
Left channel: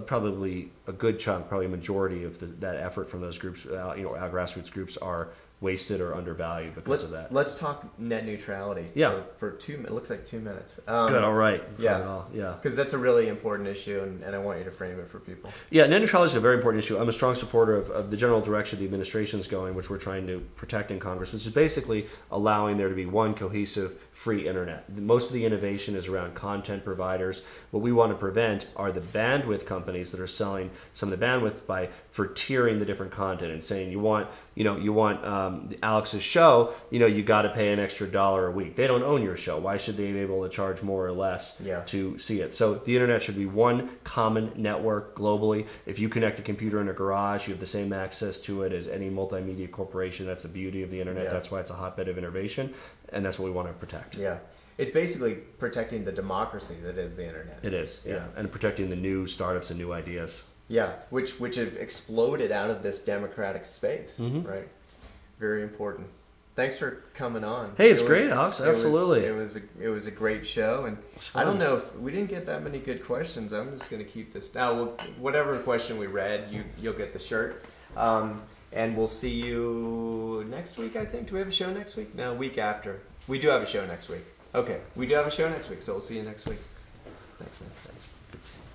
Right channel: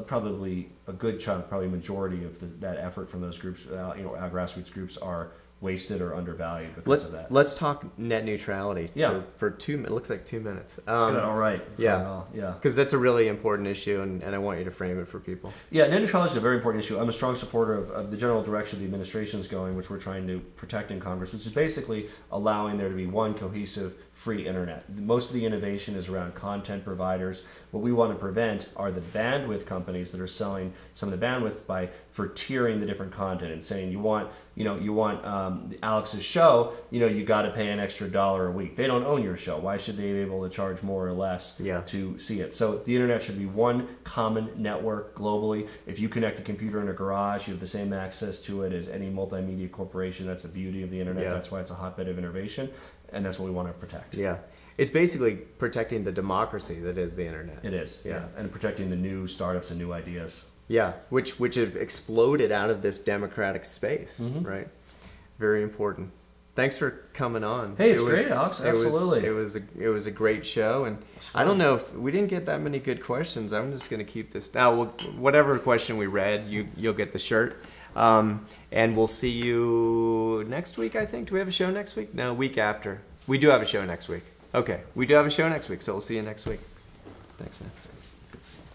probably a good chunk, probably a majority of that effort from those groups, our grassroots groups, are wasted or undervalued because of that. Let's talk net neutrality. For 2 minutes. It looks like 2 minutes. Good. All right. Yeah. Because that's a really important issue, and I want you to frame it for people. Yeah, net neutrality is a very important issue. I'm a strong supporter of the general direction the administration is going, which we're trying to protect in Congress, which is basically allowing there to be one cohesive, free internet. Most of the innovation is around content providers. What we want to prevent are the bandwidth companies that are selling some of the bandwidth for tiering the different content and saying you want Alex's show, you got to pay an extra $1 a week. They don't own your show. Why should they be able to charge more or less to see it? So the internet should be one common network globally. If you connect a computer in a garage, you have the same access to it as any multimedia corporation. That's the beauty of the internet. That's why it's a hotbed of innovation, and that's what we want to protect. Yeah. It's basically protecting the democracy that is the internet. It is, and protecting the new startups and new ideas. Yeah, which have exploded out of this democratic space, right? Very important. Thanks for coming on. Hey, it's great, Alex. Absolutely. It was a great show, and I don't know if we didn't get that many good questions. I'm just going to keep this. Now, whatever question we read, you'll get the shirt. And we'll see you next week, I think. Do we have a show next week? No, week after. We do have a show next week. Okay, we do have a show next week, so we'll see you next week. Thanks, man. Good seeing you.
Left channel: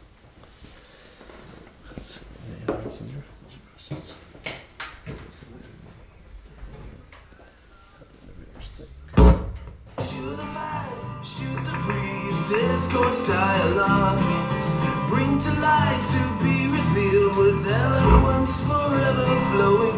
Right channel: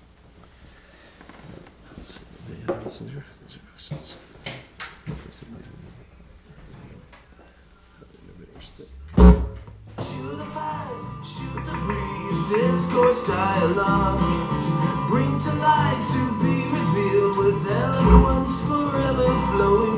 Let's see. Any questions? Shoot the fire, shoot the breeze, discourse dialogue. Bring to light to be revealed with eloquence forever flowing.